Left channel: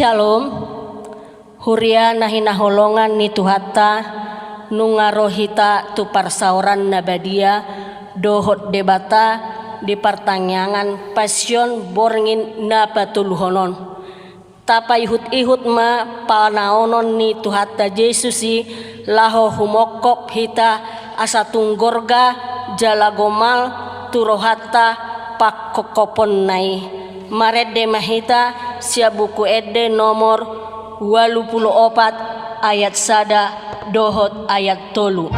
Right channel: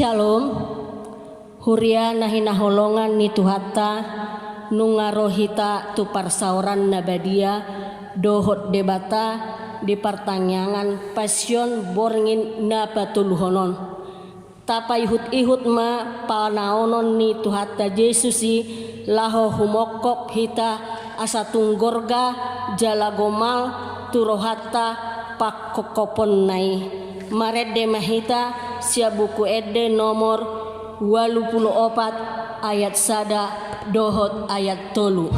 Shalom, huria nahina holongan ni tuhata, nungarohita tu parsauran nabadia, dohot debata di pertanyaan pasion borngin na patuluhonon. Tapa ihut ma panaonon ni tuhata Yesusi laho humokop hita asa tunggorga jalagomal turohata pakokopon nai. Marede mahita sia buku ede nomor 84 ayat sada dohot ayat tolu.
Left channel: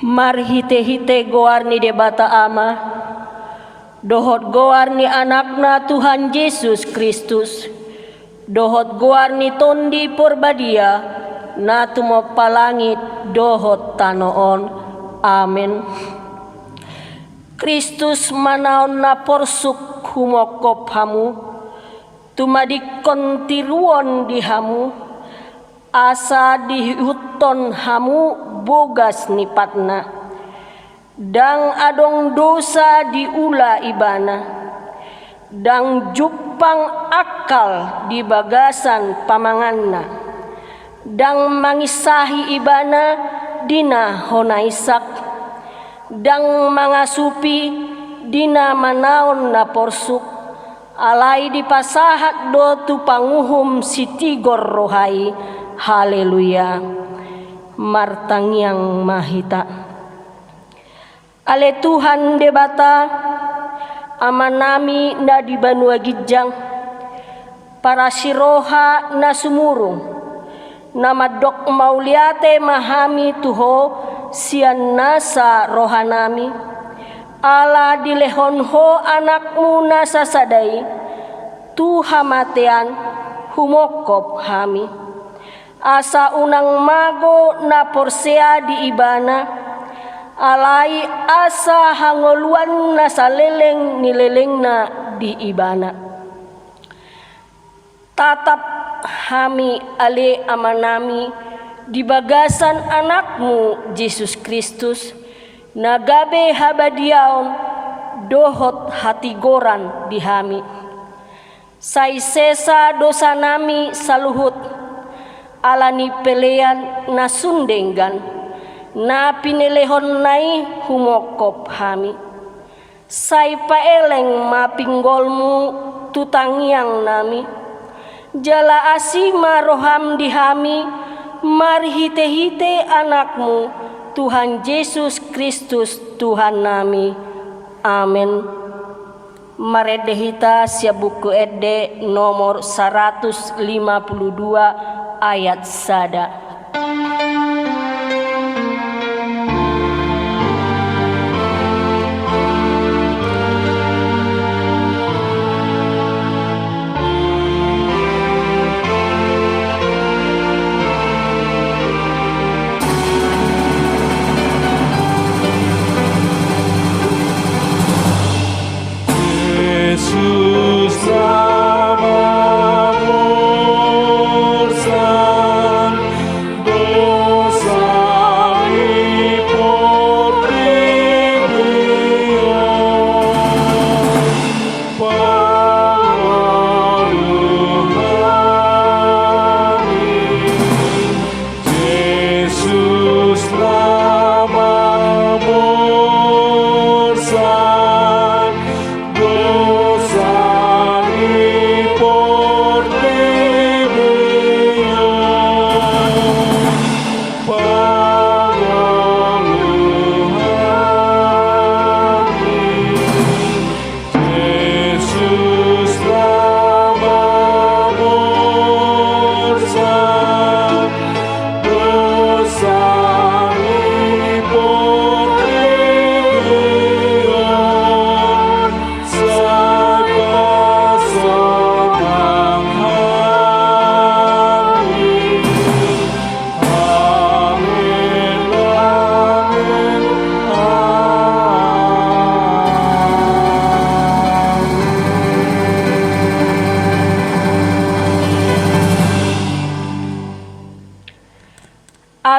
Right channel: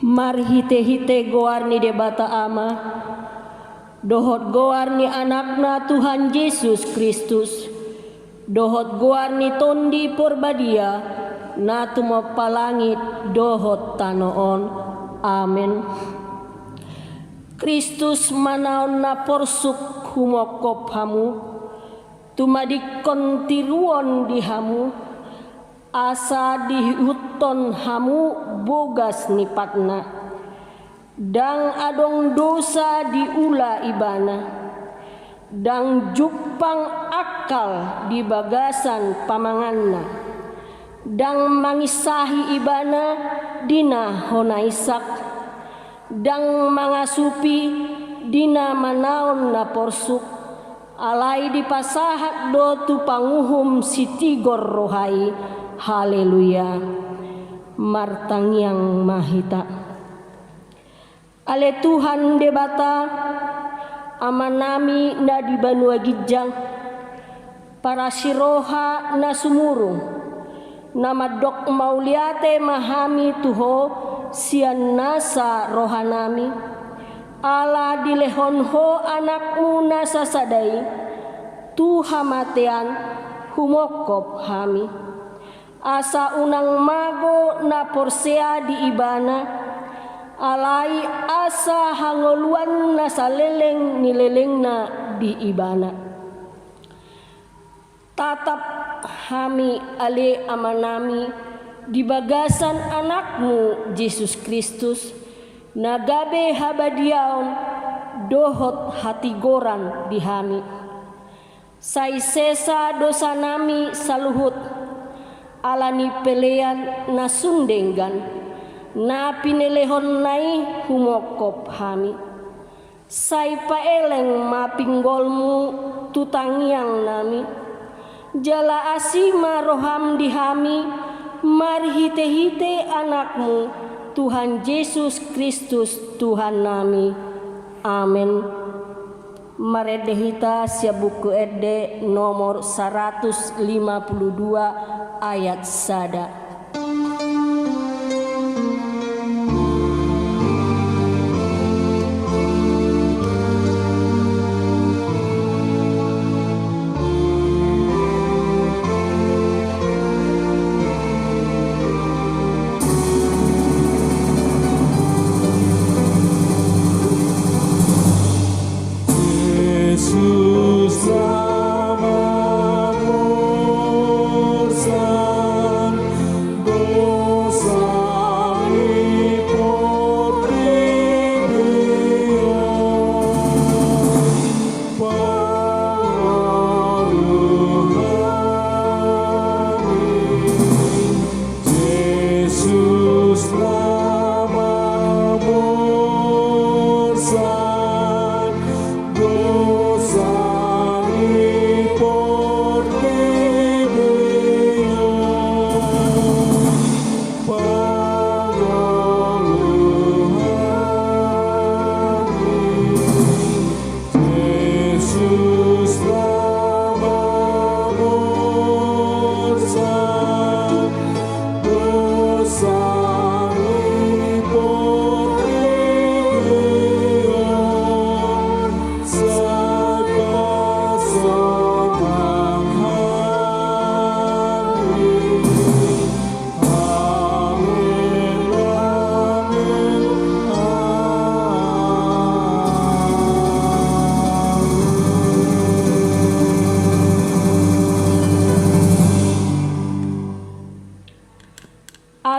Mar hite-hite goarni debata ama, dohot goarni anakna Tuhan Yesus Kristus, dohot goarni tondi porbadia, natumo palangit dohot tanoon. Amin. Kristus manaon na porsuk humokop hamu, tumadikon tiruon di hamu, asa dihuton hamu bogas nipatna, dang adong dosa diula ibana, dang jupang akal di bagasan pamanganna, dang mangisahi ibana dina honaisak, dang mangasupi dina manaon na porsuk, alai dipasahat do tu panguhum sitigor rohai. Haleluya. Martangyang mahita. Ale Tuhan debata amanami na di banua gijang, para siroha na sumurung, na madok mauliate mahami tuho sian nasa rohanami, ala dilehonho anakmu nasa sadai, tuhamatian humokop hami, asa unang mago na porsea di ibana, alai asa hangoluan na saleleng nileleng na di ibana. Tatap hami ale amanami di bagasan anakmu Yesus Kristus, nagabe habadiaon dohot hatigoran di hami. Sai sesa dosa nami saluhut, alani pelean na sundenggan, na pinelehon nai humokop hami. Sai paeleng mapinggolmu tutangiang nami, jala asima roham dihami, marhite-hite anakmu Tuhan Yesus Kristus Tuhan nami. Amin. Maredehita sia buku ede nomor 152 ayat sada.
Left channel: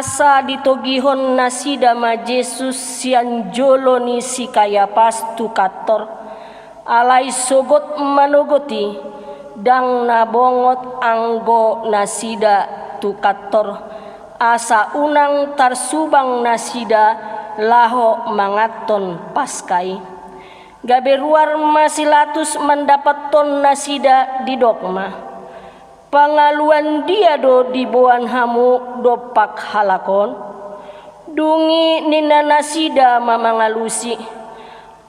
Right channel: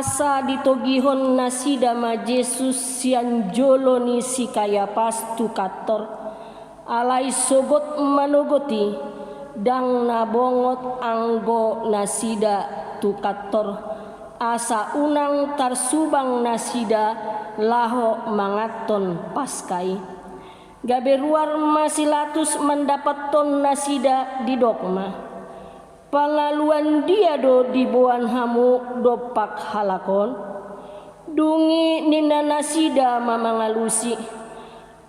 Asa ditogihon nasida ma Jesus sian joloni si Kayapas tu kator, alai sogot manogoti dang nabongot anggo nasida tu kator, asa unang tarsubang nasida laho mangaton paskai. Gaberuar masilatus mendapaton nasida di dogma. Pangaluan dia do dibuan hamu dopak halakon, dungi nina nasida mamangalusi,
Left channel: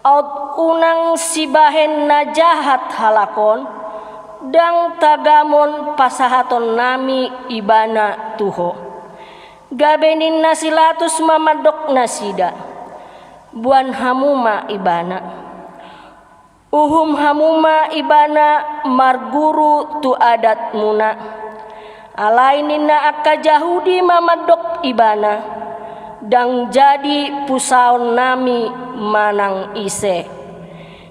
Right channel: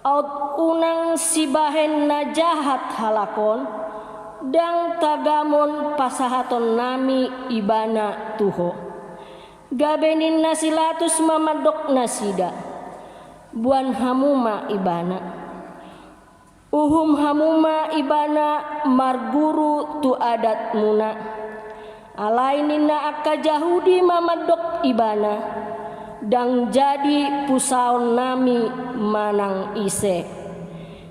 out unang sibahen na jahat halakon, dang tagamon pasahaton nami ibana tuho. Gabenin nasilatus mamadok nasida, buan hamuma ibana. Uhum hamuma ibana marguru tu adat muna, alainina akka Yahudi mamadok ibana, dang jadi pusaon nami manang ise.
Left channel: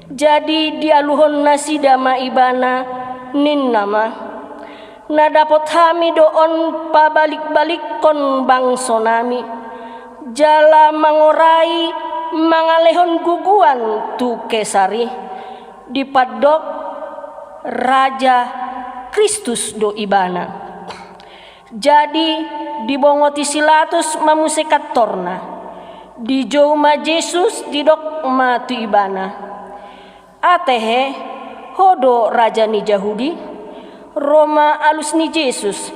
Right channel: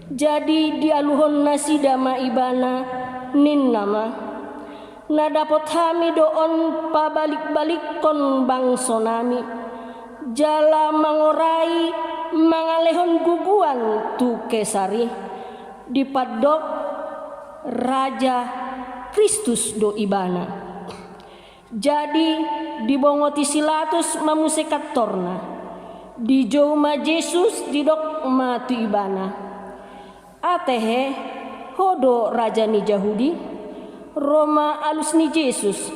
Jadi dialuhon nasida ma ibana, nin nama na dapat kami doon pabalik-balik kon bangso nami jala mangorai mangalehon guguan tu kesari dipadok Raja Kristus do ibana. Jadi dibongoti silatus mamusekatorna di joma Yesus didok matu ibana. Atehe hodo raja ni Yahudi Roma alus ni Yesus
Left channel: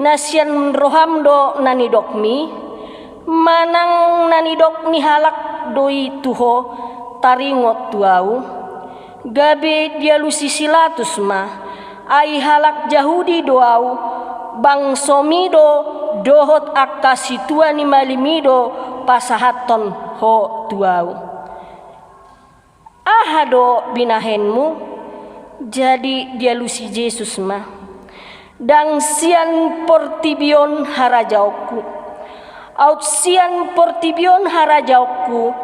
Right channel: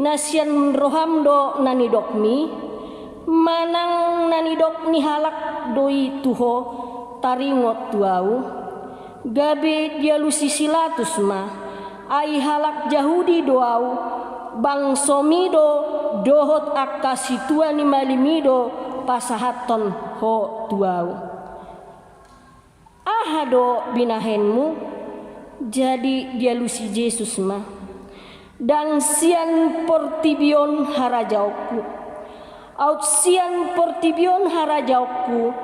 nasian rohamdo nanidok mi manang nanidok ni halak doi tuho taringot tuau gabe dia lusi silatus ma ai halak Yahudi doau bangsomido dohot akasi tua ni malimido pasahaton ho tuau ahado binahenmu jadi dia lusi Yesus ma dang sian portibion harajauku aut sian portibion harajauku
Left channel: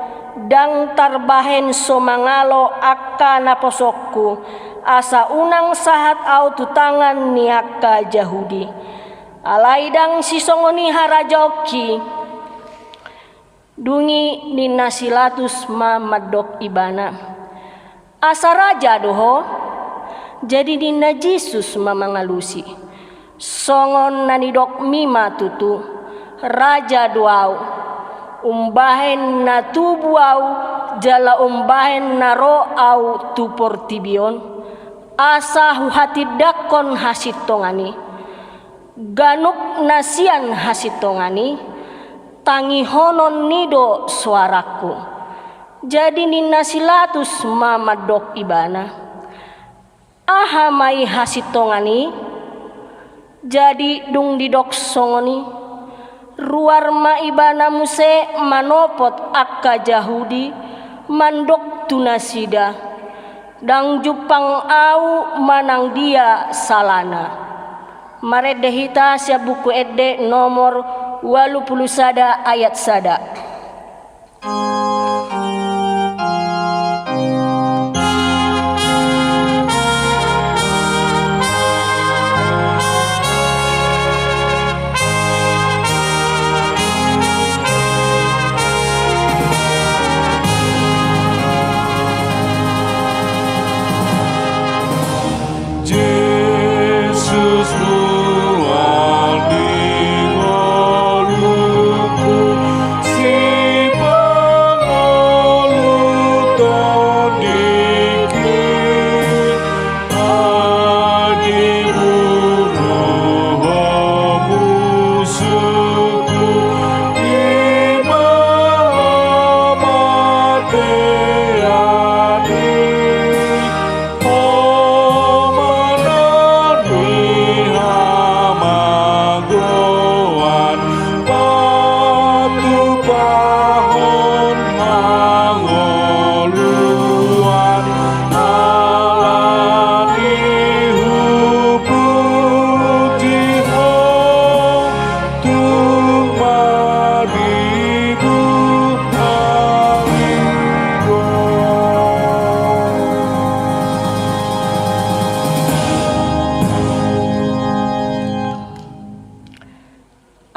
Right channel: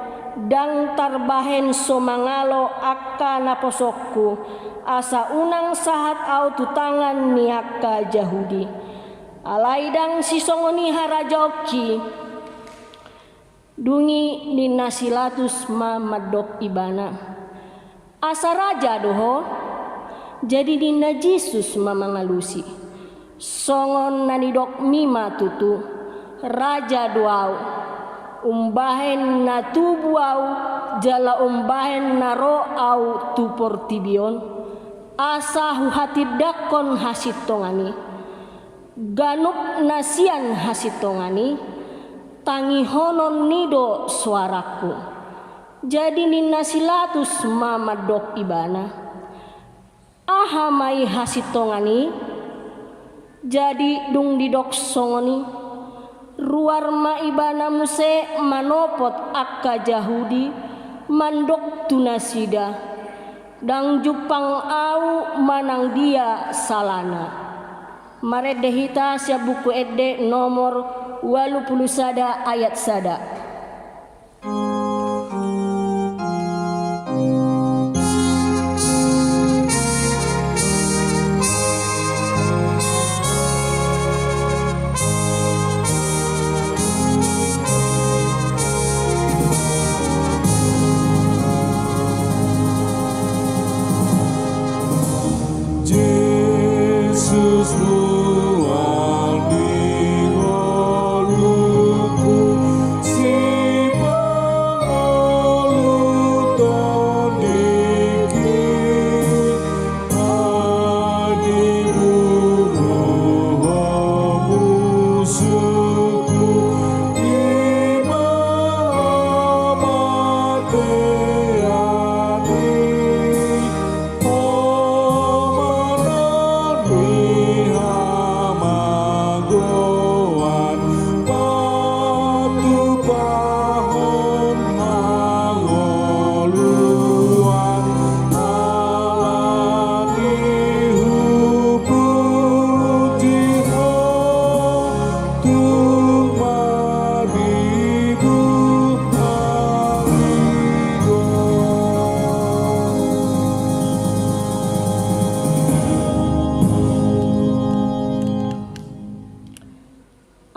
dang tarbahen somangalo akka naposokku asa unang sahat au tutangan ni akka Yahudi alai dang sisongoni harajoki dungi ninasilatus ma madok ibana asa raja doho jadi nina Yesus ma mangalusi songon nanidok mima tutu raja doau umbahen na tubuau jala umbahen na ro au tu portibion asa huhatidakon hasitongani ganuk nasian hasitongani tangi honon nido suaraku jadi ninasilatus mamadok ibana aha mai hasitongani jadi dung didok songoni ruar ma ibana muse manopot akka Yahudi mandok tunasida dang jupang au manang dia salana maredehita sia buku edde nomor 81 ayat 1.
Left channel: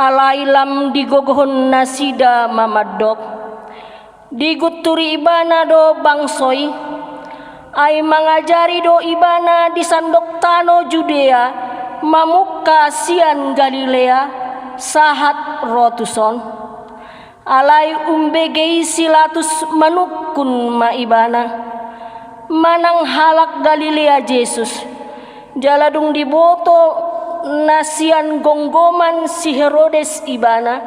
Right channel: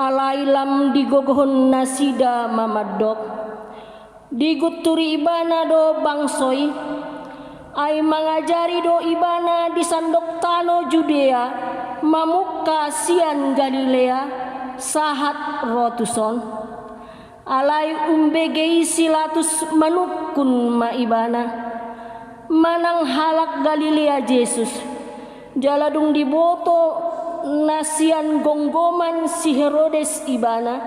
Alailam digogohon nasida mamadok diguturi ibana do bangsoi ay mangajari do ibana di sandok tano Judea mamuka sian Galilea sahat rotuson alai umbegei silatus manukun ma ibana manang halak Galilea Yesus jaladung diboto nasian gonggoman si Herodes ibana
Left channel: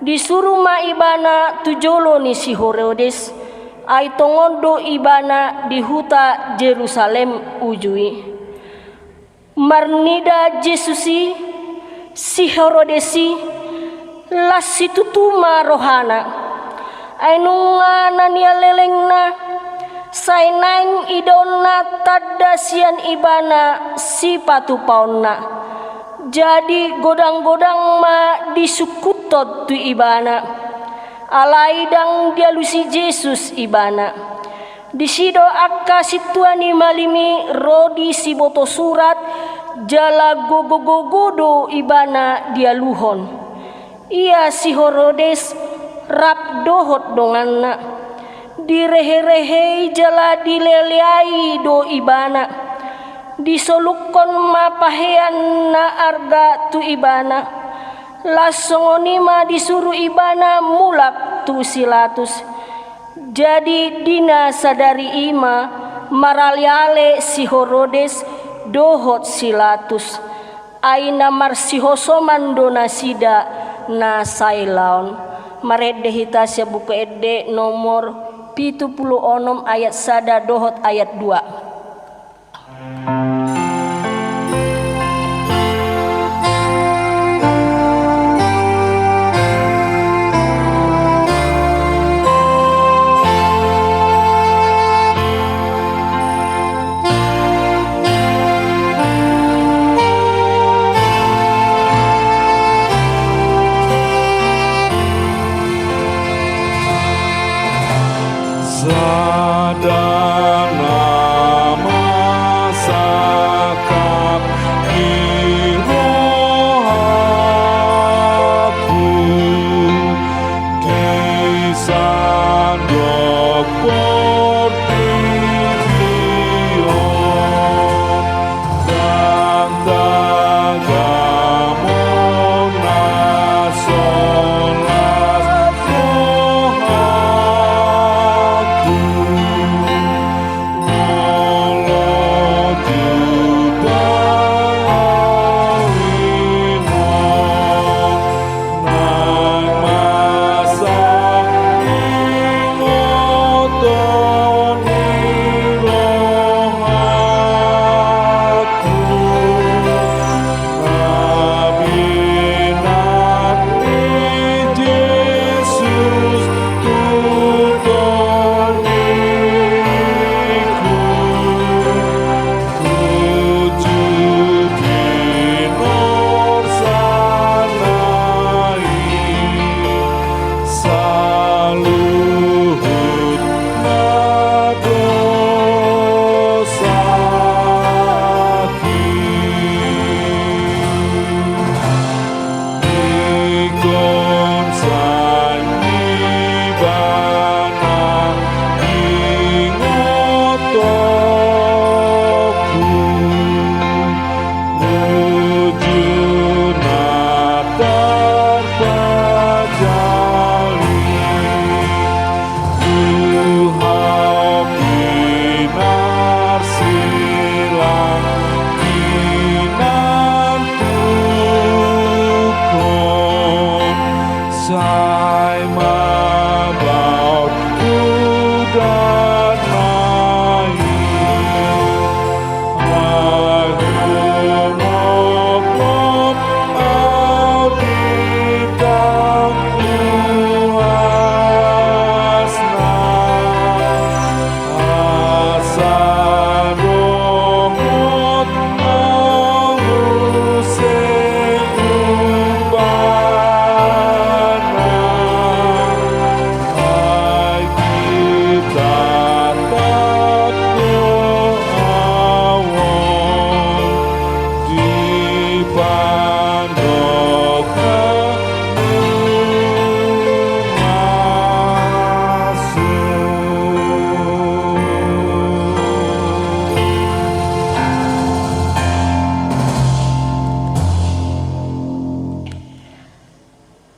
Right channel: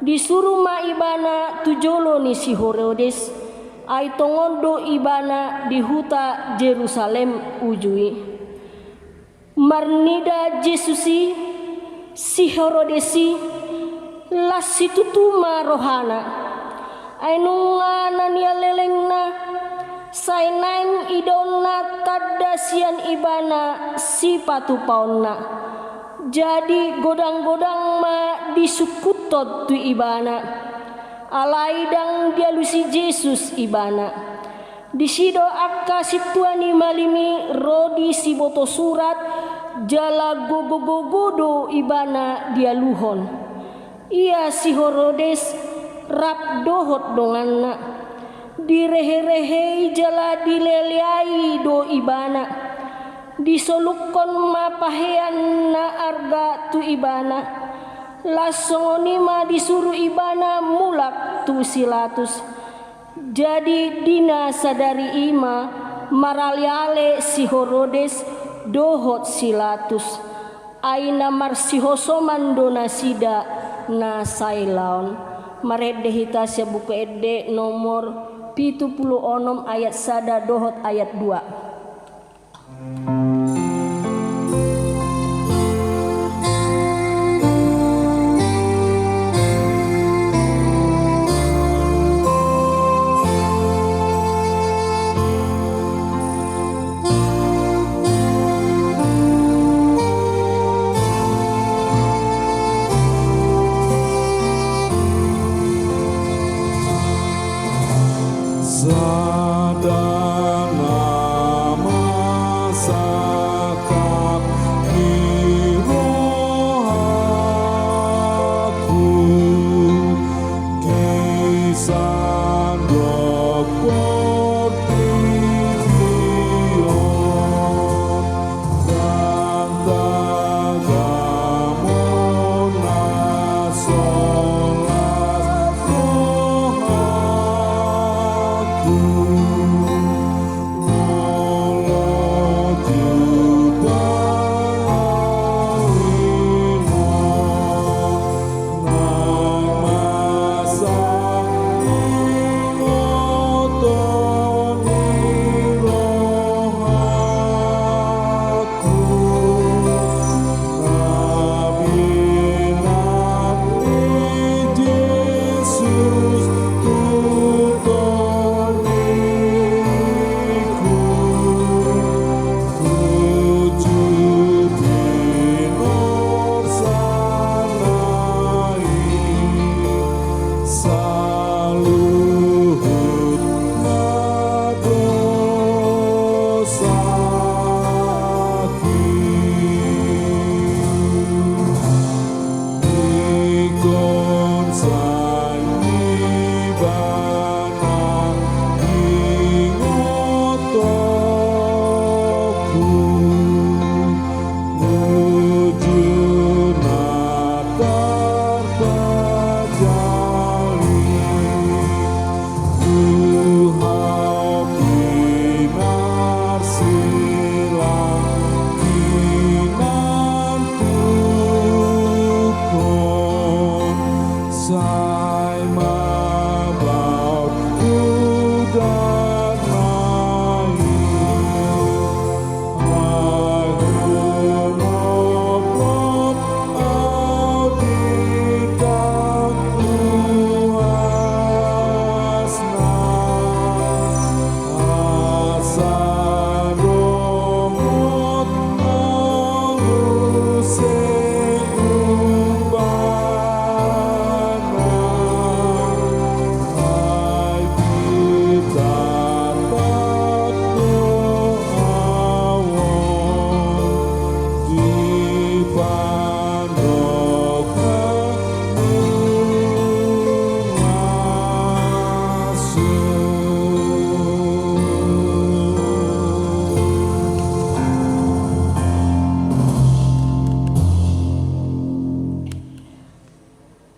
disuruh ma ibana tujolo ni si Herodes ay tongondo ibana di huta Jerusalem ujui marnida Jesusi si Herodesi las situtuma rohana ay nungana niya lelengna sainaing idonna tadasian ibana si patupauna jadi godang-godang ma disukutot tu ibana alaidang dialusi Yesus ibana Disido akka situani malimi rodi siboto surat jala gogo-gogodo ibana dia luhon. Ia si Herodes rap dohot donganna. Direhe-rehe jala dileleai do ibana. Disolukon mapahean na arga tu ibana. Lasongonima disuruh ibana mulak tu silatus. Jadi dina sadari ima maraliale si Herodes dohot silatus. Aina marsihosoman dona sida na sailaon. Marede hitasya buku ede nomor 76 ayat 1 dohot ayat 2.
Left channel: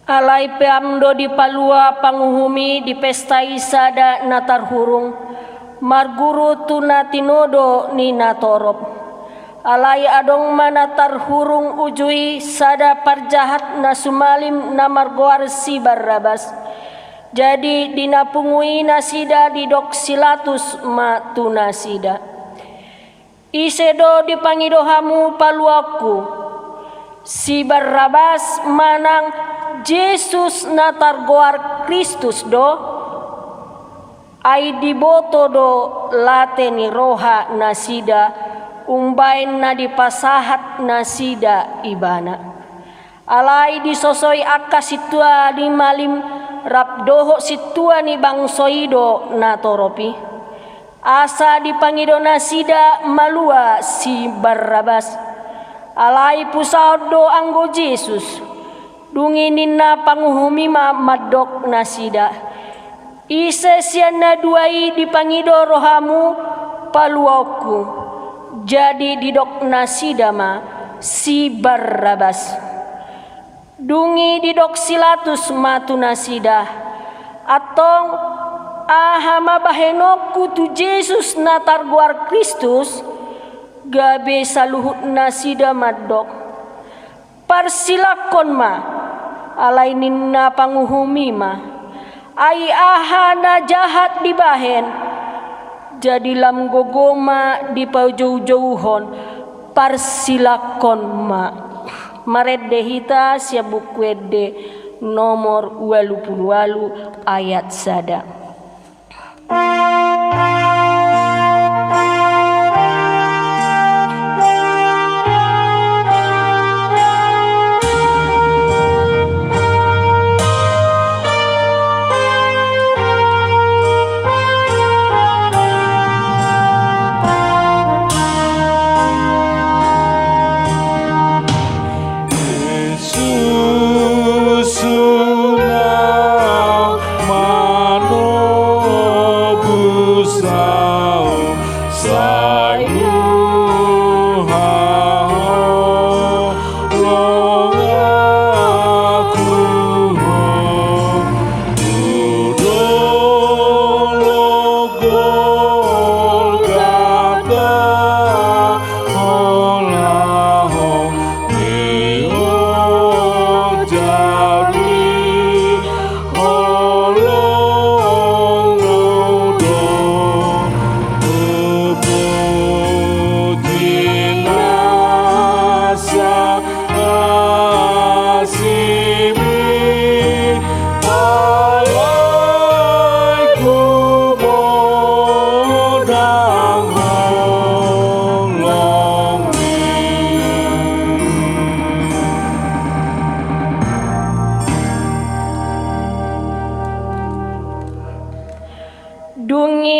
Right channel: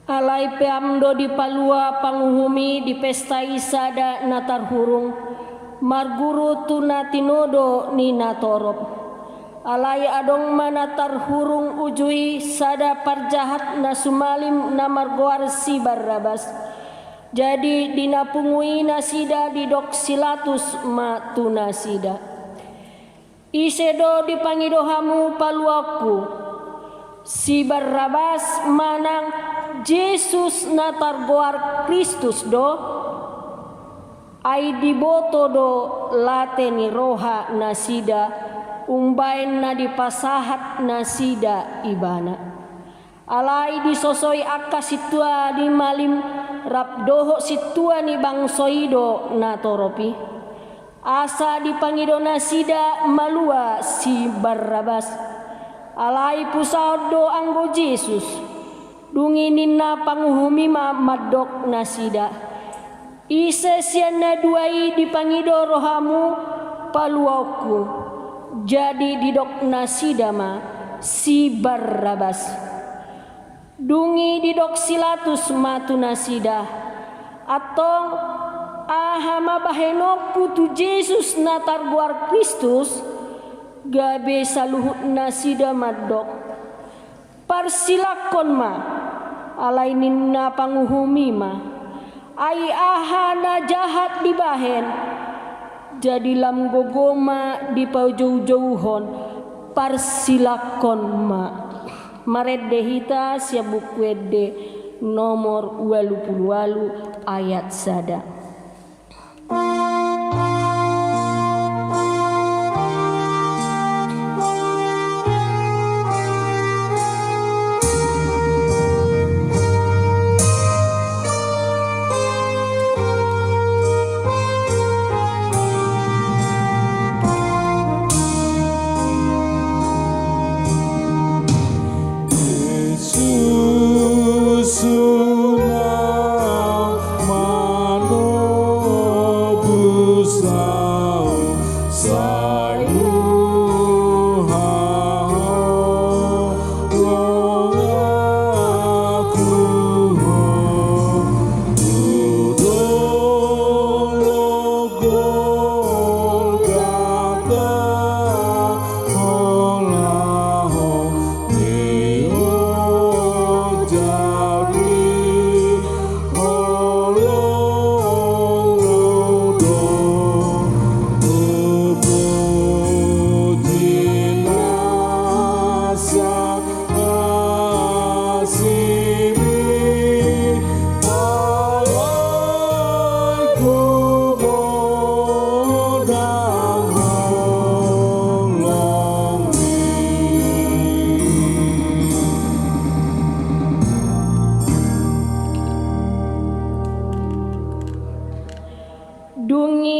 Alai peamdo di palua panguhumi di pesta isada natar hurung marguru tuna tinodo ni natorop. Alai adong manatar hurung ujui sada parjahat na sumalim na margoar si Barrabas. Jadi dinapungui nasida di dok silatus ma tuna sida. Isedo dipangidohamu paluaku. Si Barrabas manang Yesus natar goar Kristus do ai diboto do lateni roha nasida umbain na dipasahat nasida ibana alai disosoi akka situa di malim rapdoho situa ni bangsoido natoropi asa dipangidona sida malua si Barrabas. Alai pusaudo anggo Jesus, dungi ninna panguhumi madok nasida. Ise siana duai dipangido rohamu paluauku, jadi didok nasida si Barrabas. Dungi didok silatus matu nasida, atong ahama bahenoku tu Jesus natar guar Kristus, gabe saluhut nasida madok. Parsilakon alai ninna panguhumi ai ahana jahat dibahen, jadi lam gogoma di pajauh-jauhon. Parsilakon maredde hita sia bukuede nomor 28 ayat sada.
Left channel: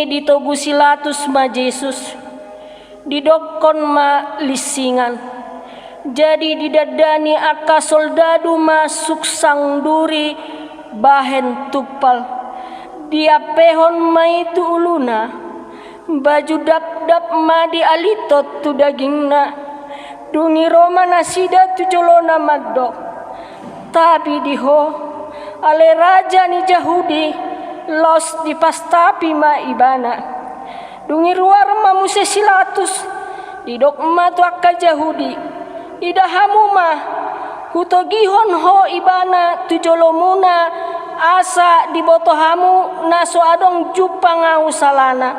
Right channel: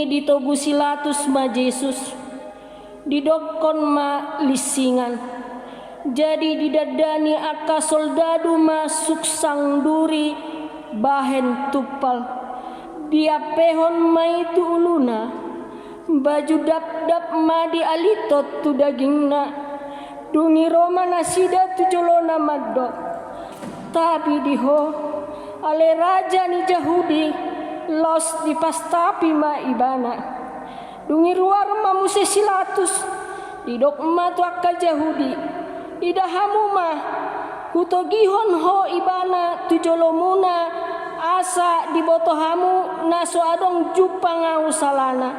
Ditogu silatus Jesus, didokon lisingan, jadi didadani aka soldadu masuk sang duri bahen tupal, dia pehon itu uluna, baju dap-dap di alitot tu dagingna, dungi Roma nasida tu jolona madok, tapi diho ale raja ni Yahudi los di pastapi ibana, dungi ruar muse silatus, didok tu akka Yahudi, idahamu hutogihon ho ibana tu jolomuna, asa dibotohamu naso adong jupangau salana,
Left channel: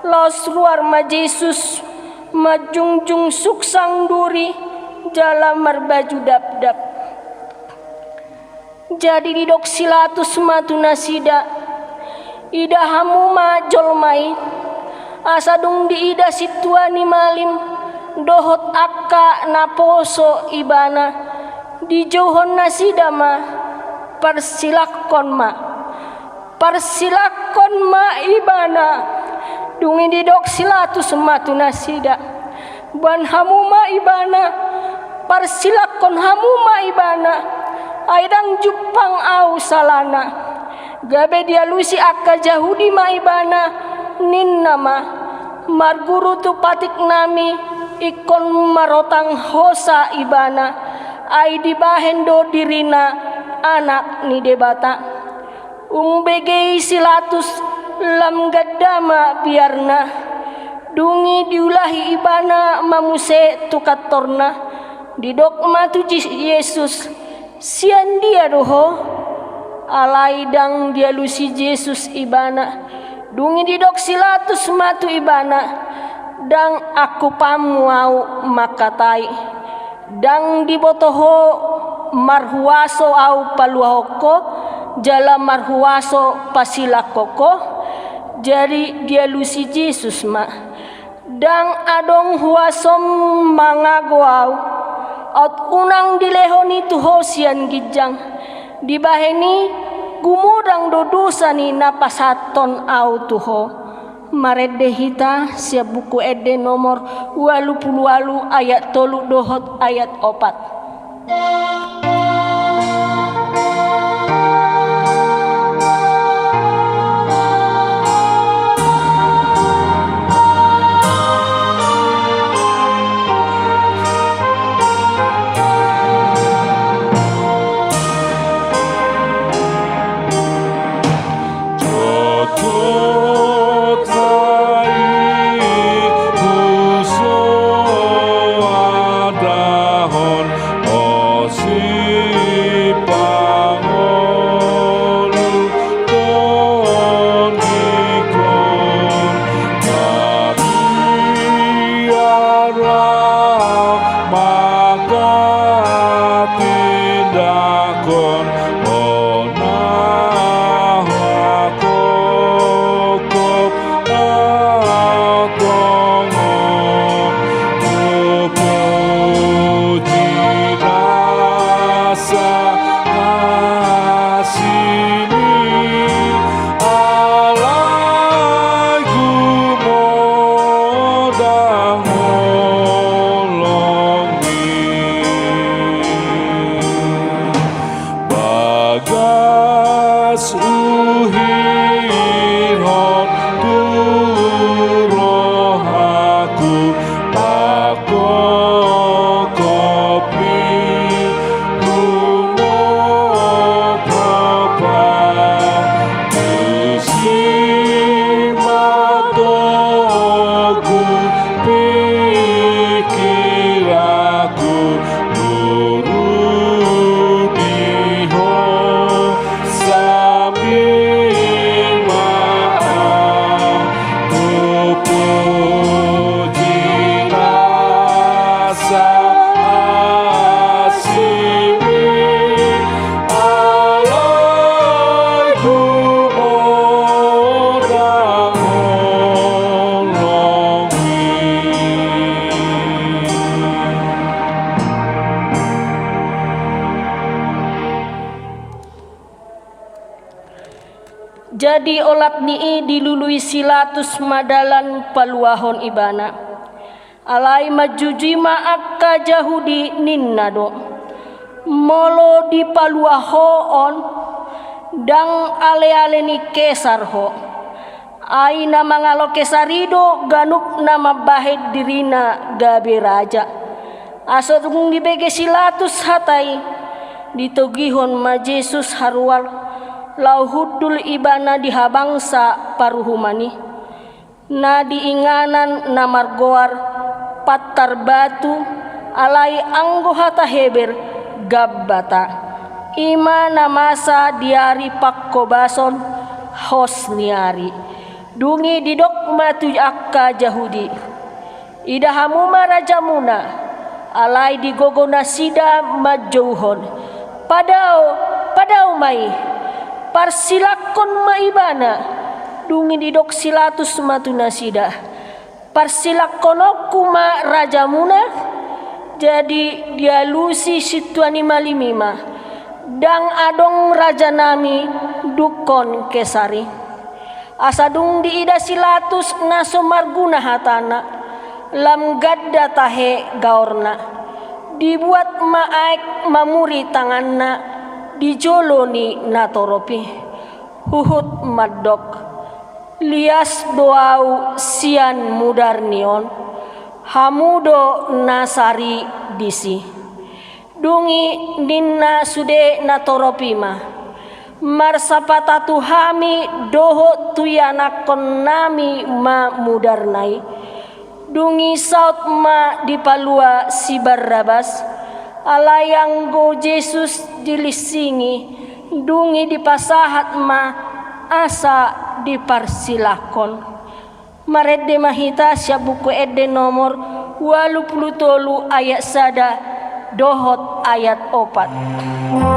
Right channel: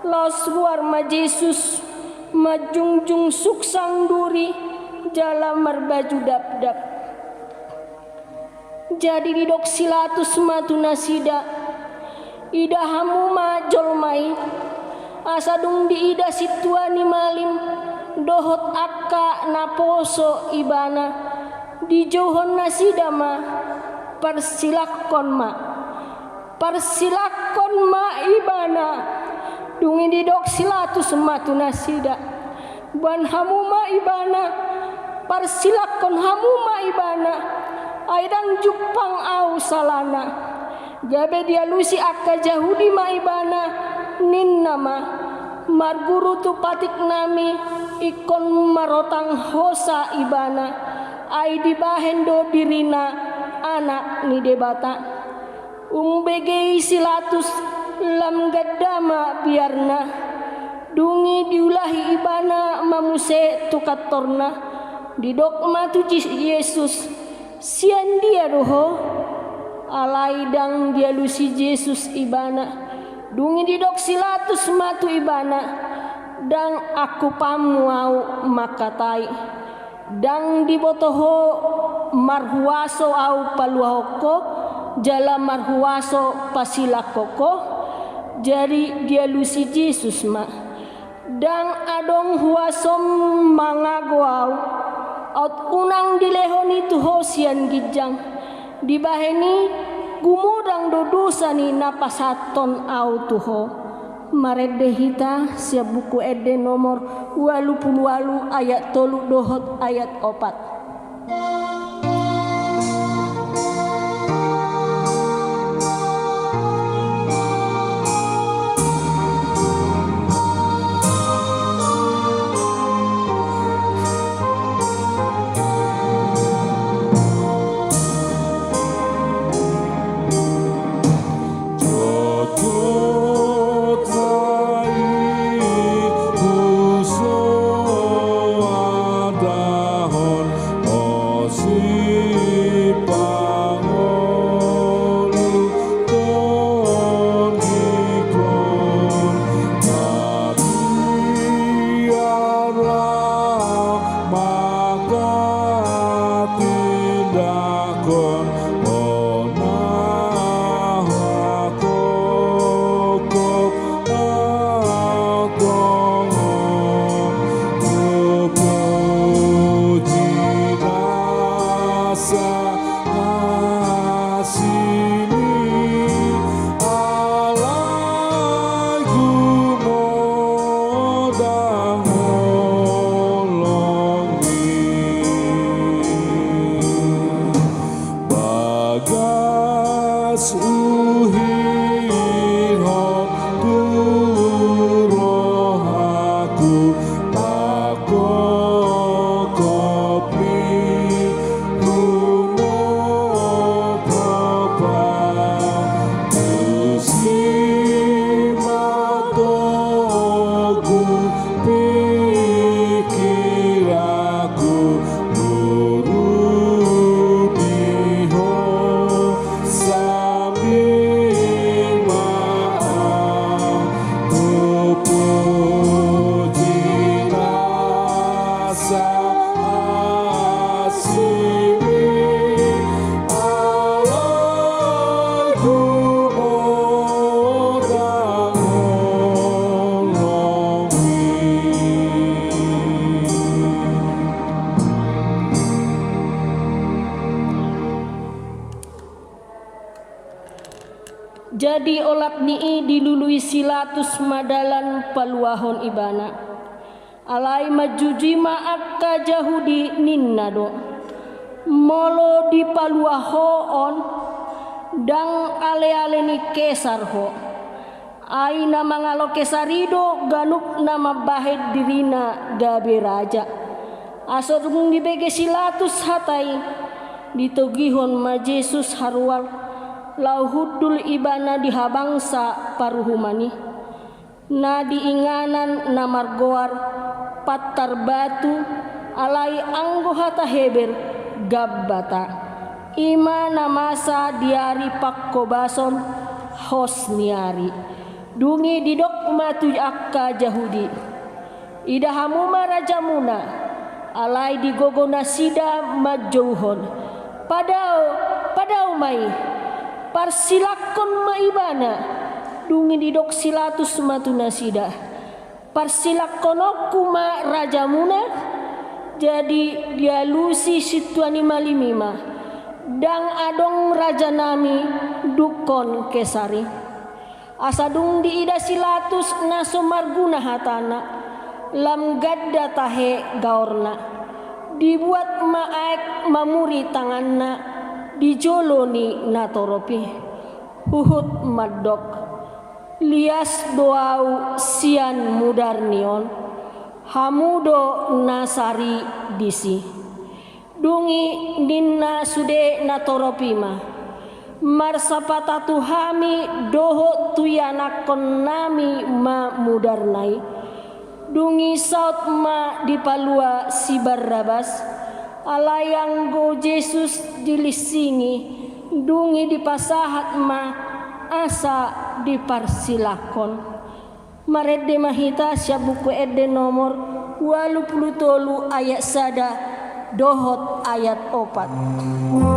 los luar Jesus majungjung suksang duri jalan merbaju dap-dap, jadi didok silatus matu nasida, idahamu jolmai, asa dung diida situani malim, dohot akka naposo ibana, dijauhon nasida parsilakon ibana, dungi didok silatus matu nasida, ban hamuma ibana, parsilakon hamuma ibana, aidang jupang au salana, gabe dialusi akka Yahudi ibana, ninna marguru tu patik nami ikon marotang hosa ibana, ai dibahendo dirina anak ni debata, umbegei silatus lam gadama biarna, dungi diulahi ibana mamuse tukatorna, didok matu Yesus, sian dia doho, alaidang dialusi Yesus ibana, dungi didok silatus matu ibana, dang aku pamuau makatai, dang dibotoho marhuaso au paluahoko, jala marhuaso pasilakoko, jadi dialusi Yesus dang adong huasom mangagoau, at unang dilehoni tuho sian gijang, dibaheni gumudang dodusa ni napasaton au tuho, Marede hita siap buku ede nomor 88 ayat 3 dohot ayat 4. Jadi olap nii dilului silatus madalan paluahon ibana. Alai majuji akka jahudi ninnado. Molo di paluahoon dang ale-ale ni kesar ho. Ai nama ngalo kesarido ganuk nama bahed dirina gabe raja. Asodung dibege silatus hatai ditogihon ma Jesus harwal. Lauhudul ibana dihabangsa paruhumani na diinganan na margoar patar batu alai anggo hata heber gabbata ima namasa diari pakkobason hosniari dungi didok matu akka jahudi idahamuma rajamuna alai digogona sida majauhon padau mai parsilakon maibana dungi didok silatus matuna sida parsilakonok kuma rajamuna jadi dialusi situani malimima dang adong raja nami dukon kesari asadung diida silatus naso marguna hatana lam gadda tahe gaorna dibuat maaek mamuri tanganna dijoloni natoropi huhut madok lias doau sian mudarnion hamudo nasari disi dungi ninna sude natoropima marsapatatu hami doho tuyanakon nami ma mudarnai dungi saut ma dipalua si Barrabas alayang go Jesus dilisingi dungi dipasahat ma asa diparsilakon marede mahita siap buku ede nomor 83 ayat sada dohot ayat 4.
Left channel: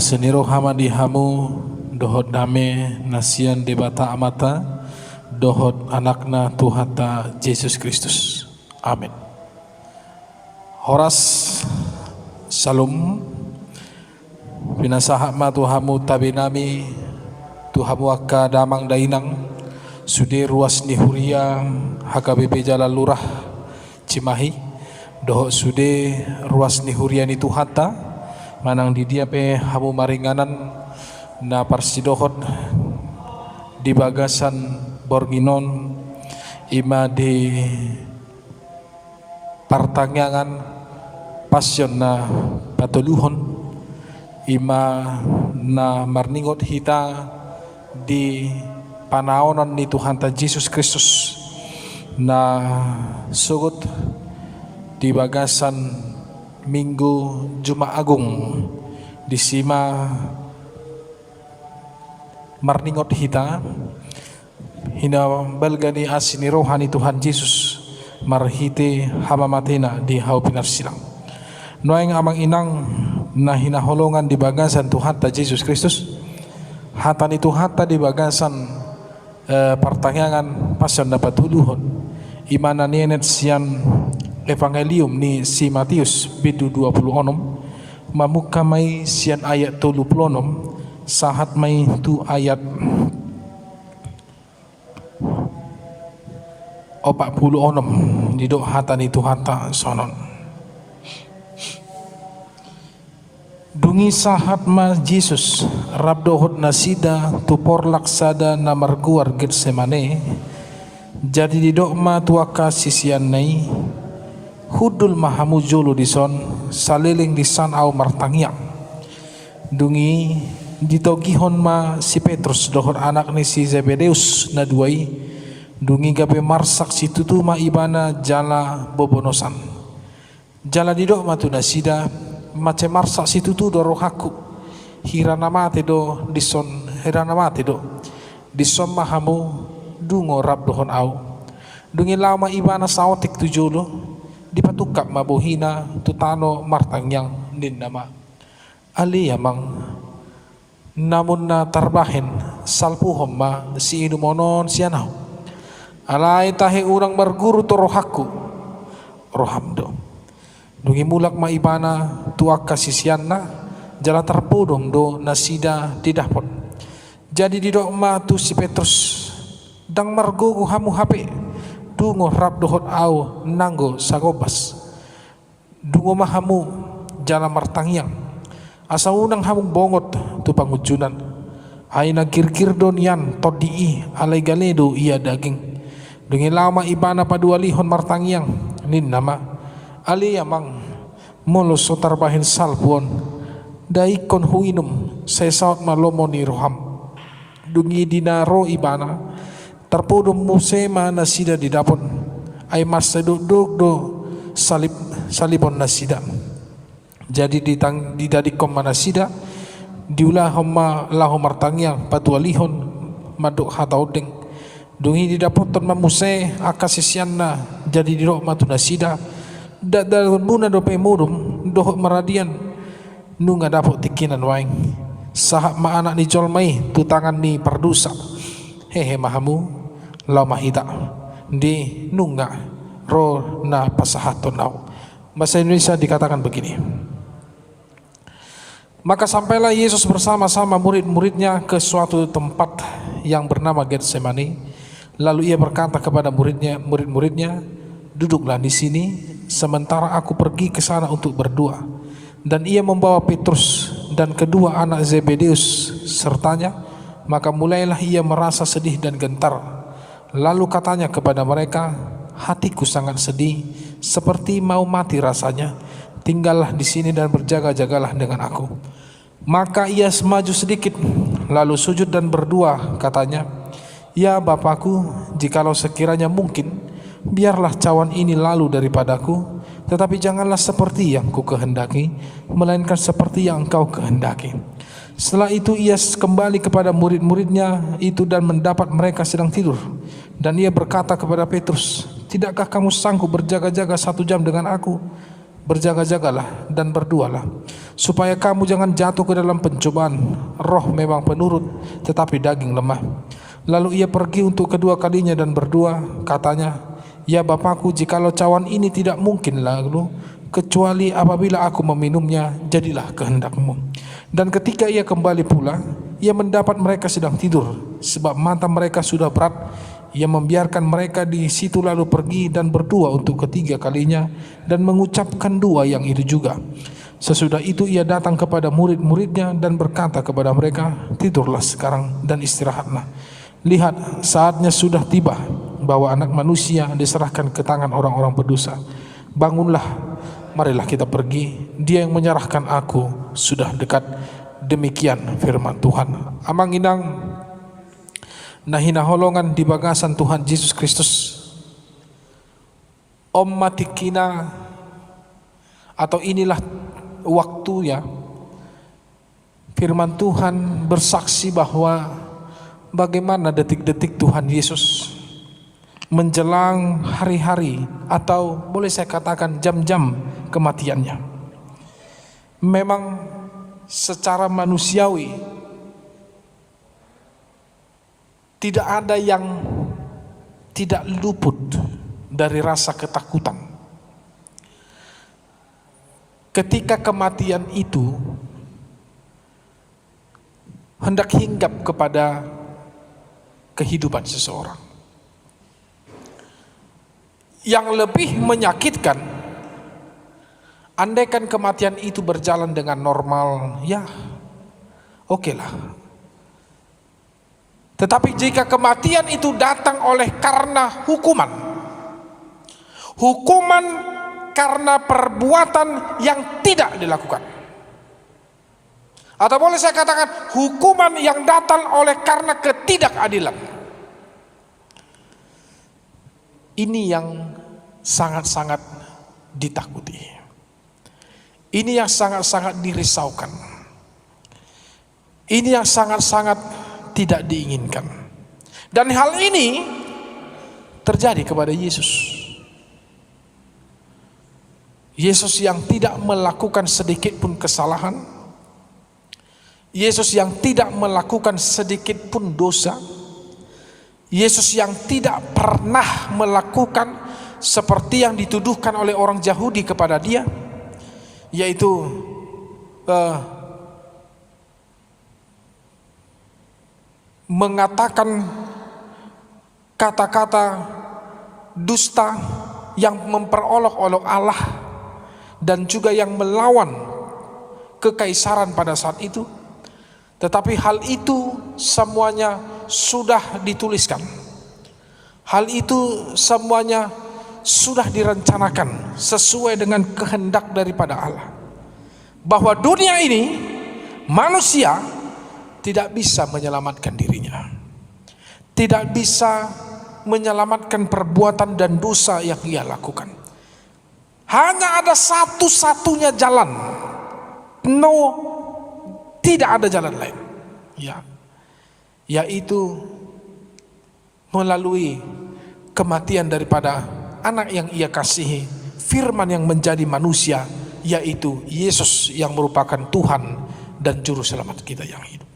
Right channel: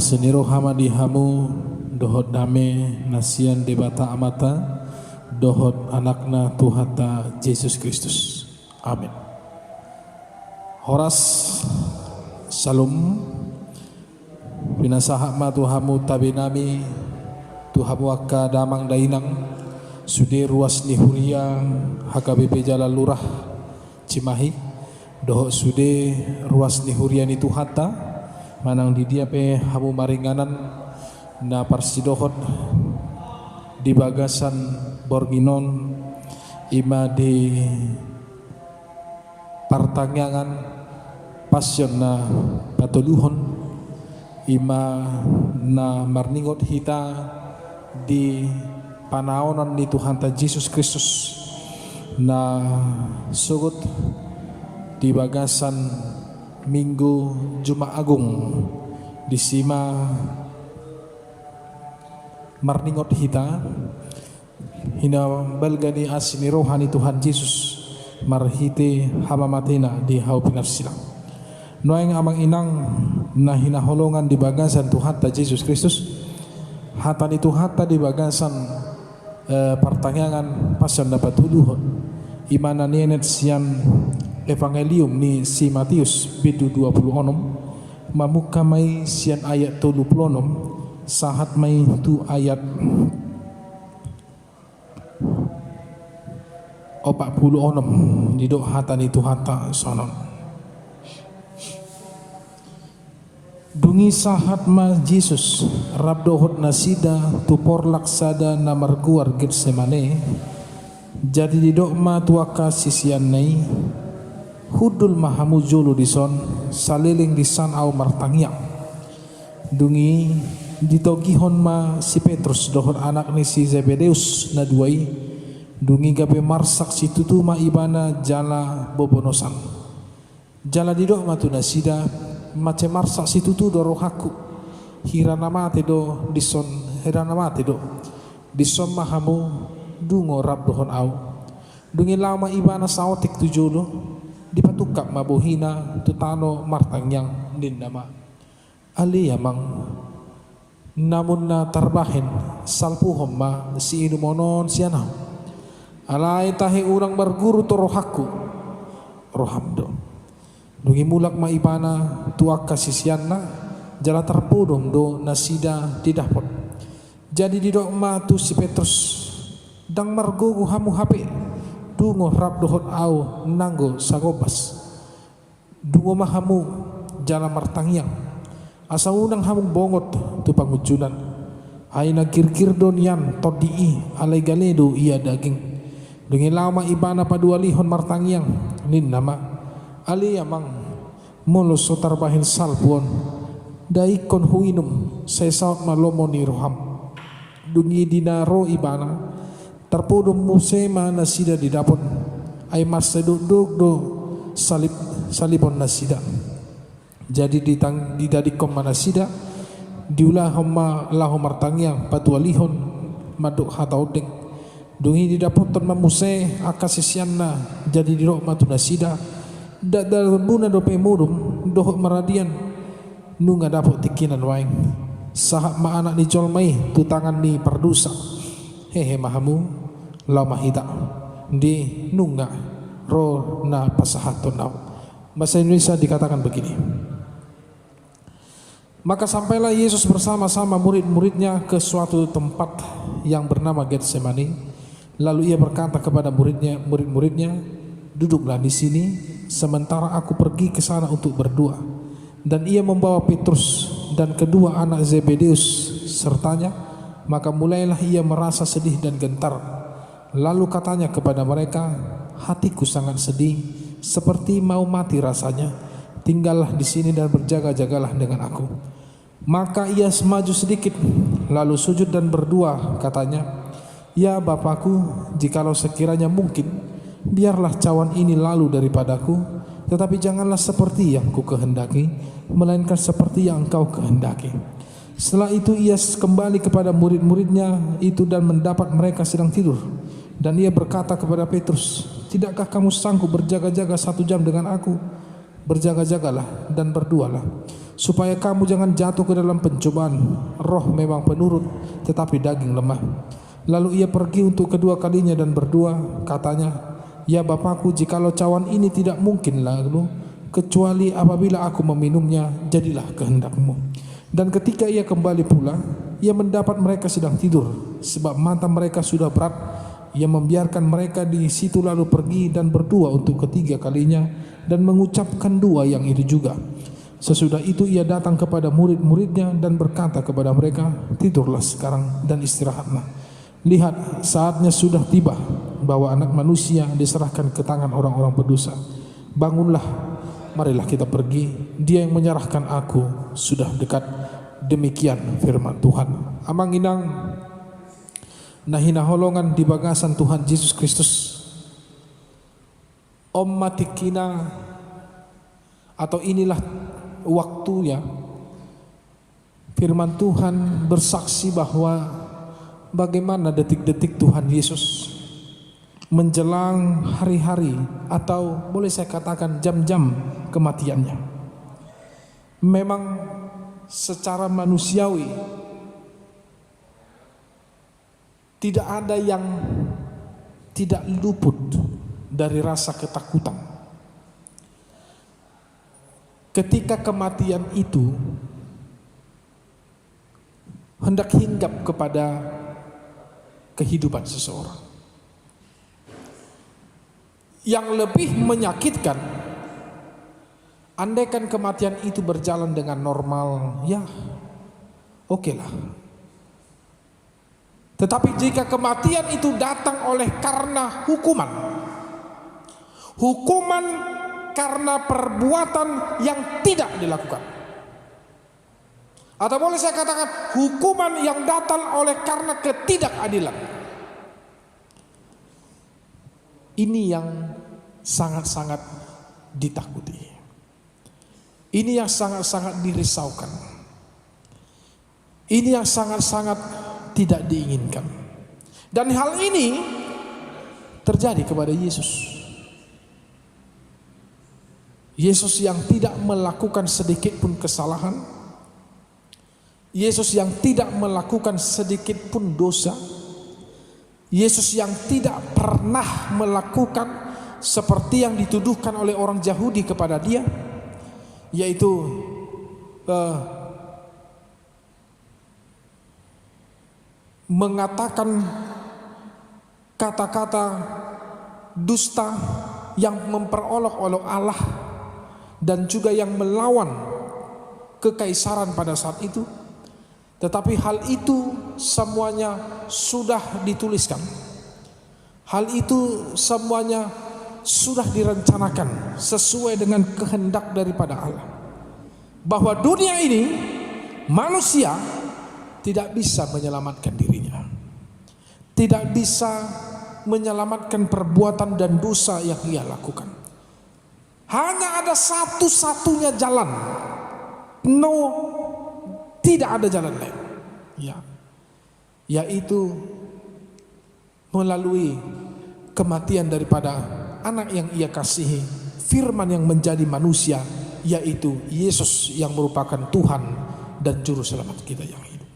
aseniro hamadi hamu dohot dame nasian debata amata dohot anakna Tuhata Yesus Kristus. Amin. Horas salum pinasahak ma Tuhamu tabinami Tuhamu akka damang dainang sude ruas nihuria HKBP Jalan Lurah Cimahi dohot sude ruas nihuria ni Tuhata manang di dia pe hamu maringanan na parsidohot di bagasan borginon ima di pertanyaan passion na patuluhon ima na marningot hita di panaonan ni Tuhan ta Yesus Kristus na sugut di bagasan Minggu Jumat Agung di sima marningot hita hina balgani asini rohani Tuhan Yesus marhite hamamatena di hau pinarsilang noeng amang inang na hinaholongan di bagasan Tuhan ta Yesus Kristus hatan itu hata di bagasan pertanyaan pasal dapat tuduhon imana nienet sian evangelium ni si Matius bidu 26 mamuka mai sian ayat 36 sahat mai tu ayat 46 didok hatan itu hata sonon dungi sahat ma Yesus rabdohot nasida tupor laksada na marguar Getsemane jadi didok ma tuaka sisian nai hudul mahamu jolo dison saliling disan au martangia dungi ditogihon ma si Petrus dohot anak ni si Zebedeus na duai dungi gabe marsak si tutuma ibana jala bobonosan jala didok matu nasida mace marsak si tutu do rohaku hirana mate do dison hirana mate do dison mahamu dungo rab dohon au dungi lama ibana saotik tujolo dipatukap mabuhina tutano martangyang nin nama ali yamang namun na tarbahin salpuhom ma si inumonon sianaw alay tahe urang marguru to rohaku rohamdo dungi mulak maibana tuak kasisian na jala terpudong do nasida didapot jadi didok ma tu si Petrus dang margogo hamu hape dungo rab dohot au nanggo sagobas dungo mahamu jala martangyang asa unang hamung bongot tu pangujunan ay nagkirkir don yan todii alay galedo iya daging dengan lama ibana padualihon martangyang nin nama ali yamang mulos sotarbahin salpuon daikon huinum sesaut malomo ni roham dungi dinaro ibana terpudum musema nasida didapon ay maseduk do salibon nasida jadi didadikom manasida diulah homa lahu martangyang padualihon maduk hataudeng dungi didapotan mamuse akasisianna jadi dirok matu nasida dadal buna dope murum dohot maradian nunga dapot tikinan waing sahak ma anak ni jolmai tu tangan ni perdusa hehe mahamu lau mahita di nunga ro na pasahaton nau. Bahasa Indonesia dikatakan begini, maka sampailah Yesus bersama-sama murid-muridnya ke suatu tempat yang bernama Getsemani. Lalu ia berkata kepada murid-muridnya, duduklah di sini sementara aku pergi ke sana untuk berdoa. Dan ia membawa Petrus dan kedua anak Zebedeus sertanya. Maka mulailah ia merasa sedih dan gentar. Lalu katanya kepada mereka, hatiku sangat sedih, seperti mau mati rasanya. Tinggallah di sini dan berjaga-jagalah dengan aku. Maka ia semaju sedikit, lalu sujud dan berdoa, katanya, ya Bapakku, jikalau sekiranya mungkin, biarlah cawan ini lalu daripadaku, tetapi janganlah seperti yang ku kehendaki, melainkan seperti yang engkau kehendaki. Setelah itu ia kembali kepada murid-muridnya itu dan mendapat mereka sedang tidur. Dan ia berkata kepada Petrus, tidakkah kamu sanggup berjaga-jaga 1 jam dengan aku? Berjaga-jagalah dan berdoalah, supaya kamu jangan jatuh ke dalam pencobaan. Roh memang penurut, tetapi daging lemah. Lalu ia pergi untuk kedua kalinya dan berdoa, katanya, ya Bapakku, jikalau cawan ini tidak mungkin lalu, kecuali apabila aku meminumnya, jadilah kehendak-Mu. Dan ketika ia kembali pula, ia mendapat mereka sedang tidur, sebab mata mereka sudah berat. Ia membiarkan mereka di situ lalu pergi dan berdoa untuk ketiga kalinya dan mengucapkan doa yang itu juga. Sesudah itu ia datang kepada murid-muridnya dan berkata kepada mereka, tidurlah sekarang dan istirahatlah. Lihat, saatnya sudah tiba bahwa Anak Manusia diserahkan ke tangan orang-orang berdosa. Bangunlah, marilah kita pergi. Dia yang menyerahkan aku sudah dekat. Demikian firman Tuhan. Amang inang nahina holongan di bagasan Tuhan Yesus Kristus. Om matikina, atau inilah waktunya firman Tuhan bersaksi bahwa bagaimana detik-detik Tuhan Yesus menjelang hari-hari, atau boleh saya katakan jam-jam kematiannya. Memang secara manusiawi tidak ada yang tidak luput dari rasa ketakutan. Ketika kematian itu hendak hinggap kepada kehidupan seseorang. Yang lebih menyakitkan, andaikan kematian itu berjalan dengan normal, ya oke lah. Tetapi jika kematian itu datang oleh karena hukuman karena perbuatan yang tidak dilakukan, atau boleh saya katakan hukuman yang datang oleh karena ketidakadilan, ini yang sangat-sangat ditakuti. Ini yang sangat-sangat dirisaukan. Ini yang sangat-sangat tidak diinginkan. Dan hal ini terjadi kepada Yesus. Yesus yang tidak melakukan sedikit pun kesalahan. Yesus yang tidak melakukan sedikit pun dosa. Yesus yang tidak pernah melakukan seperti yang dituduhkan oleh orang Yahudi kepada dia, yaitu mengatakan kata-kata dusta yang memperolok-olok Allah dan juga yang melawan kekaisaran pada saat itu. Tetapi hal itu semuanya sudah dituliskan. Hal itu semuanya sudah direncanakan sesuai dengan kehendak daripada Allah, bahwa dunia ini manusia tidak bisa menyelamatkan dirinya, tidak bisa menyelamatkan perbuatan dan dosa yang ia lakukan. Hanya ada satu-satunya jalan, tidak ada jalan lain, yaitu melalui kematian daripada anak yang ia kasihi, firman yang menjadi manusia, yaitu Yesus yang merupakan Tuhan dan Juru Selamat kita yang hidup.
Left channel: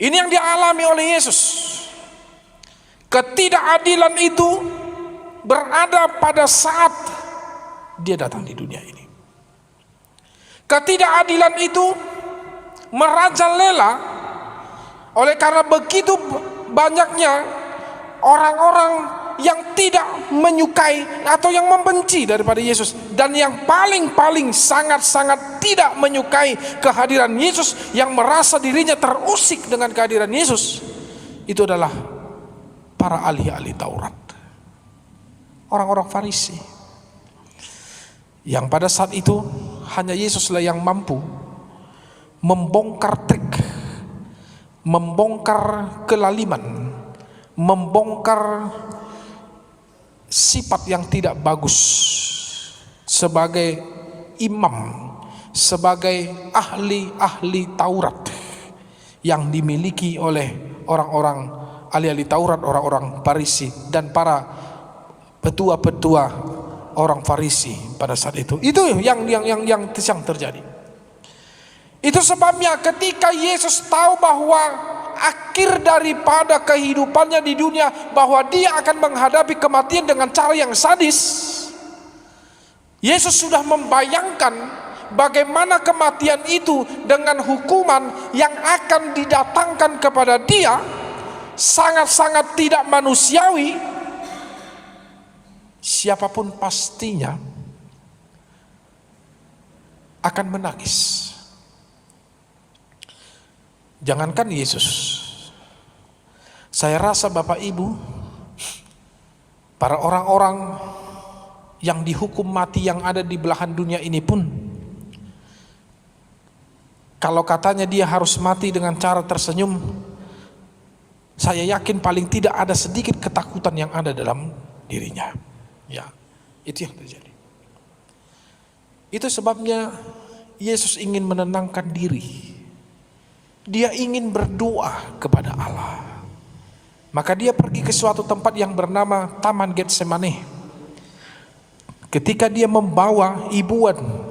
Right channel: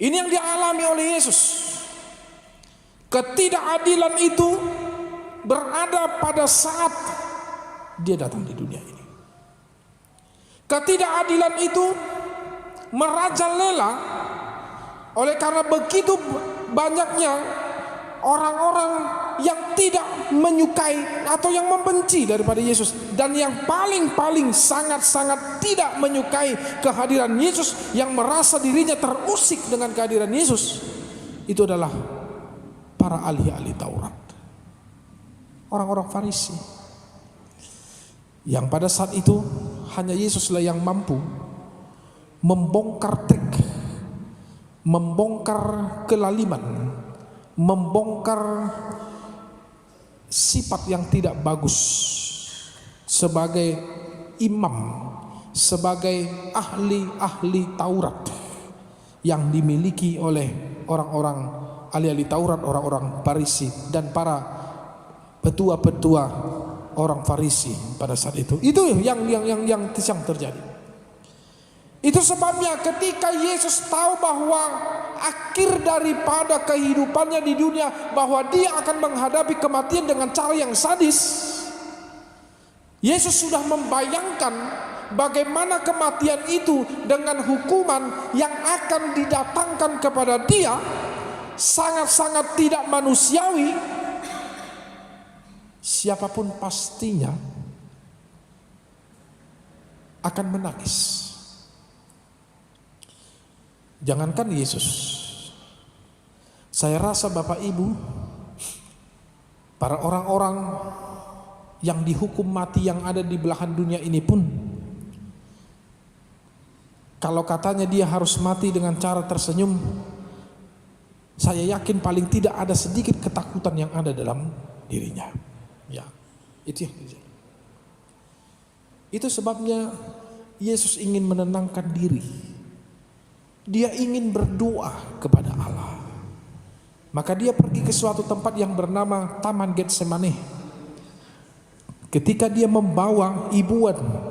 Ini yang dialami oleh Yesus. Ketidakadilan itu berada pada saat dia datang di dunia ini. Ketidakadilan itu merajalela oleh karena begitu banyaknya orang-orang yang tidak menyukai atau yang membenci daripada Yesus, dan yang paling sangat-sangat tidak menyukai kehadiran Yesus, yang merasa dirinya terusik dengan kehadiran Yesus, itu adalah para ahli-ahli Taurat, orang-orang Farisi, yang pada saat itu hanya Yesuslah yang mampu membongkar trik, membongkar kelaliman, membongkar sifat yang tidak bagus sebagai imam, sebagai ahli-ahli Taurat yang dimiliki oleh orang-orang ahli-ahli Taurat, orang-orang Farisi dan para petua-petua orang Farisi pada saat itu. Itu yang terjadi. Itu sebabnya ketika Yesus tahu bahwa akhir daripada kehidupannya di dunia, bahwa dia akan menghadapi kematian dengan cara yang sadis, Yesus sudah membayangkan bagaimana kematian itu dengan hukuman yang akan didatangkan kepada dia sangat-sangat tidak manusiawi. Siapapun pastinya akan menangis. Jangankan Yesus, saya rasa Bapak Ibu, para orang-orang yang dihukum mati yang ada di belahan dunia ini pun, kalau katanya dia harus mati dengan cara tersenyum, saya yakin paling tidak ada sedikit ketakutan yang ada dalam dirinya. Ya, itu yang terjadi. Itu sebabnya Yesus ingin menenangkan diri. Dia ingin berdoa kepada Allah. Maka dia pergi ke suatu tempat yang bernama Taman Getsemane. Ketika dia membawa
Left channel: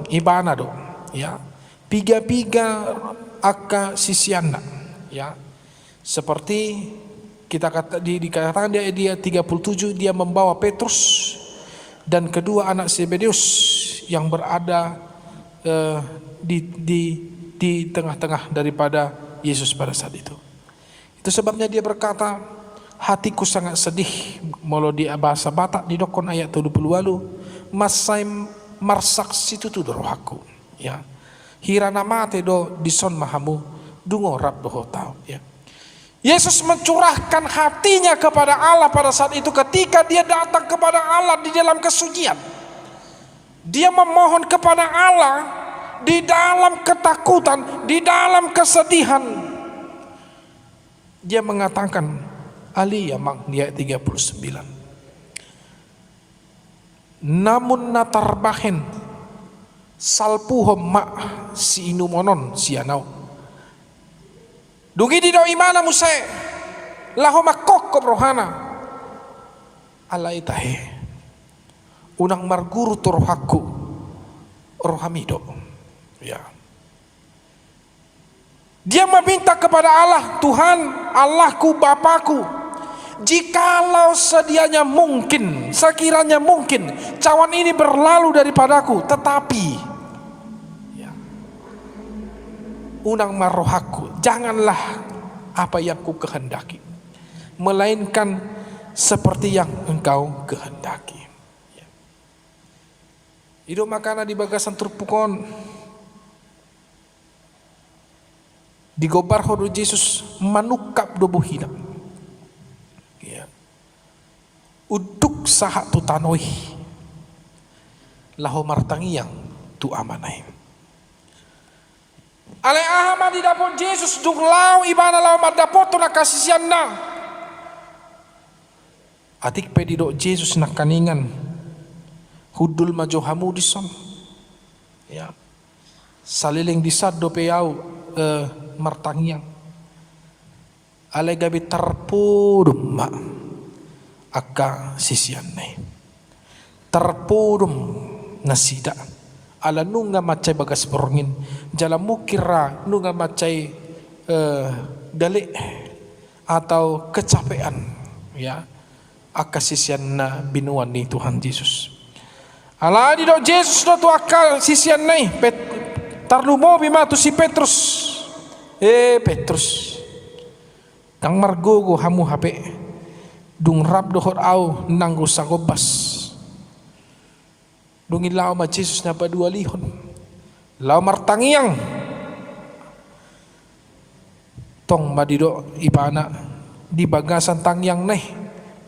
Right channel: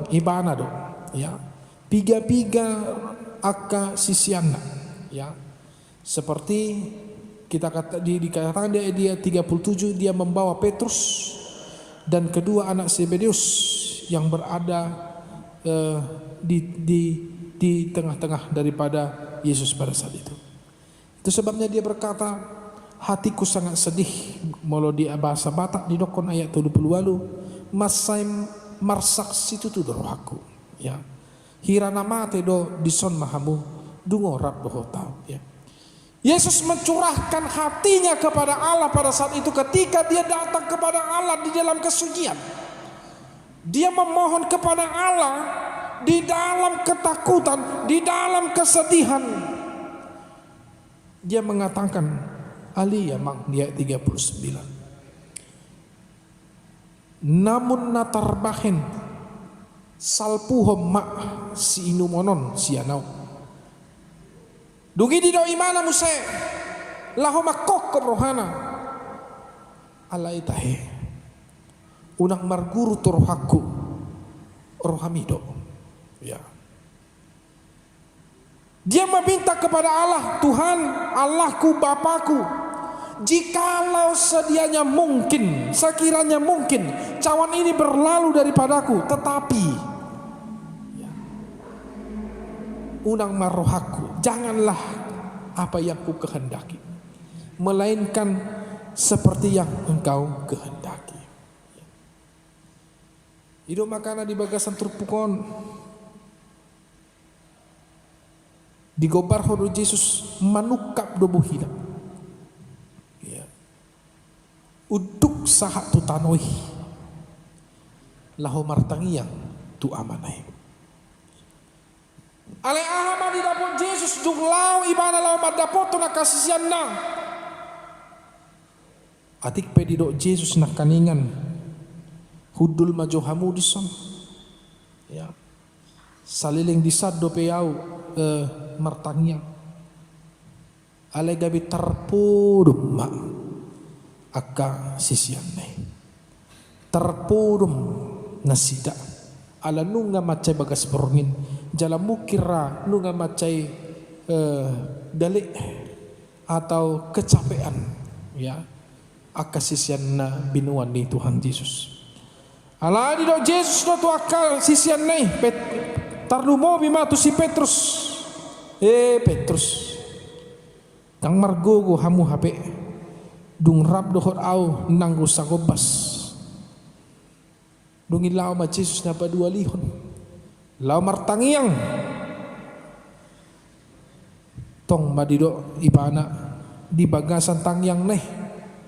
ibana do, ya, piga-piga aka sisiana, ya. Seperti dikatakan dia 37, dia membawa Petrus dan kedua anak Zebedeus yang berada di tengah-tengah daripada Yesus pada saat itu. Itu sebabnya dia berkata, hatiku sangat sedih. Molo di bahasa Batak di dokon ayat 28, masai marsak situ tu rohaku, ya. Hirana mate do dison mahamu dungo rab doho tau, ya. Yesus mencurahkan hatinya kepada Allah pada saat itu ketika dia datang kepada Allah di dalam kesucian. Dia memohon kepada Allah di dalam ketakutan, di dalam kesedihan. Dia mengatakan, Ali Yamang di ayat 39. Namun natarbahen salpuhom mak si inumonon si anau. Dugi di do imana muse laho makok ke rohana alai tahe unang marguru torohaku rohamido, ya. Dia meminta kepada Allah, Tuhan Allahku Bapakku, jikalau sedianya mungkin, sekiranya mungkin cawan ini berlalu daripadaku, tetapi ya, unang marohaku, janganlah apa yang ku kehendaki, melainkan seperti yang engkau kehendaki. Hidup makana di bagasan terpukon digobar hodo Yesus manukap do buhina, ya. Uduk saha tu tanoi laho martangiang tu amanai. Ale ahama di dapot Yesus dung lau ibana lau madapot tu nakasisian na. Atik pedido Yesus nakaningan hudul majohamu dison, ya. Saliling disad do peyau martangiang. Ale gabi terpudum ma aka sisian nai. Terpudum nasida. Ala nunga macai bagas borongin jala mukira nunga macai gale atau kecapean, ya, akasisian na binuan ni Tuhan Yesus. Ala di do Yesus do tu akal sisian nai tarlumo bima tu si Petrus. Petrus kang margogo hamu hape dung rab dohor au nanggu sagobas. Dungin lau ma Jesus na padua lihon lau martangiang tong madido ipana di bagasan tangyang neh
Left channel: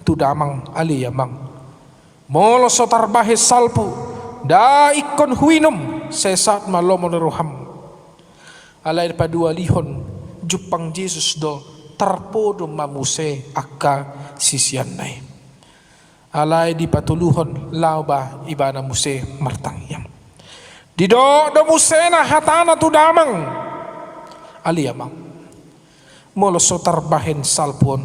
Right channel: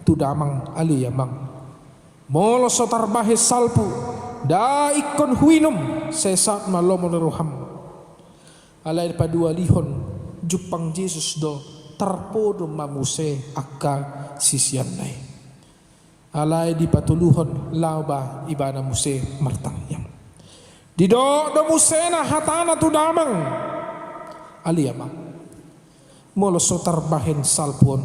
tu damang ali yamang molo sotar bahis salpu da ikon huinum sesat malomo roham alai padua lihon jupang Jesus do tarpodo mamuse akka sisian nai. Alai di patuluhon lauba ibana muse martangyang. Di do musena hatana tu damang aliyamang. Molo sotar bahen salpon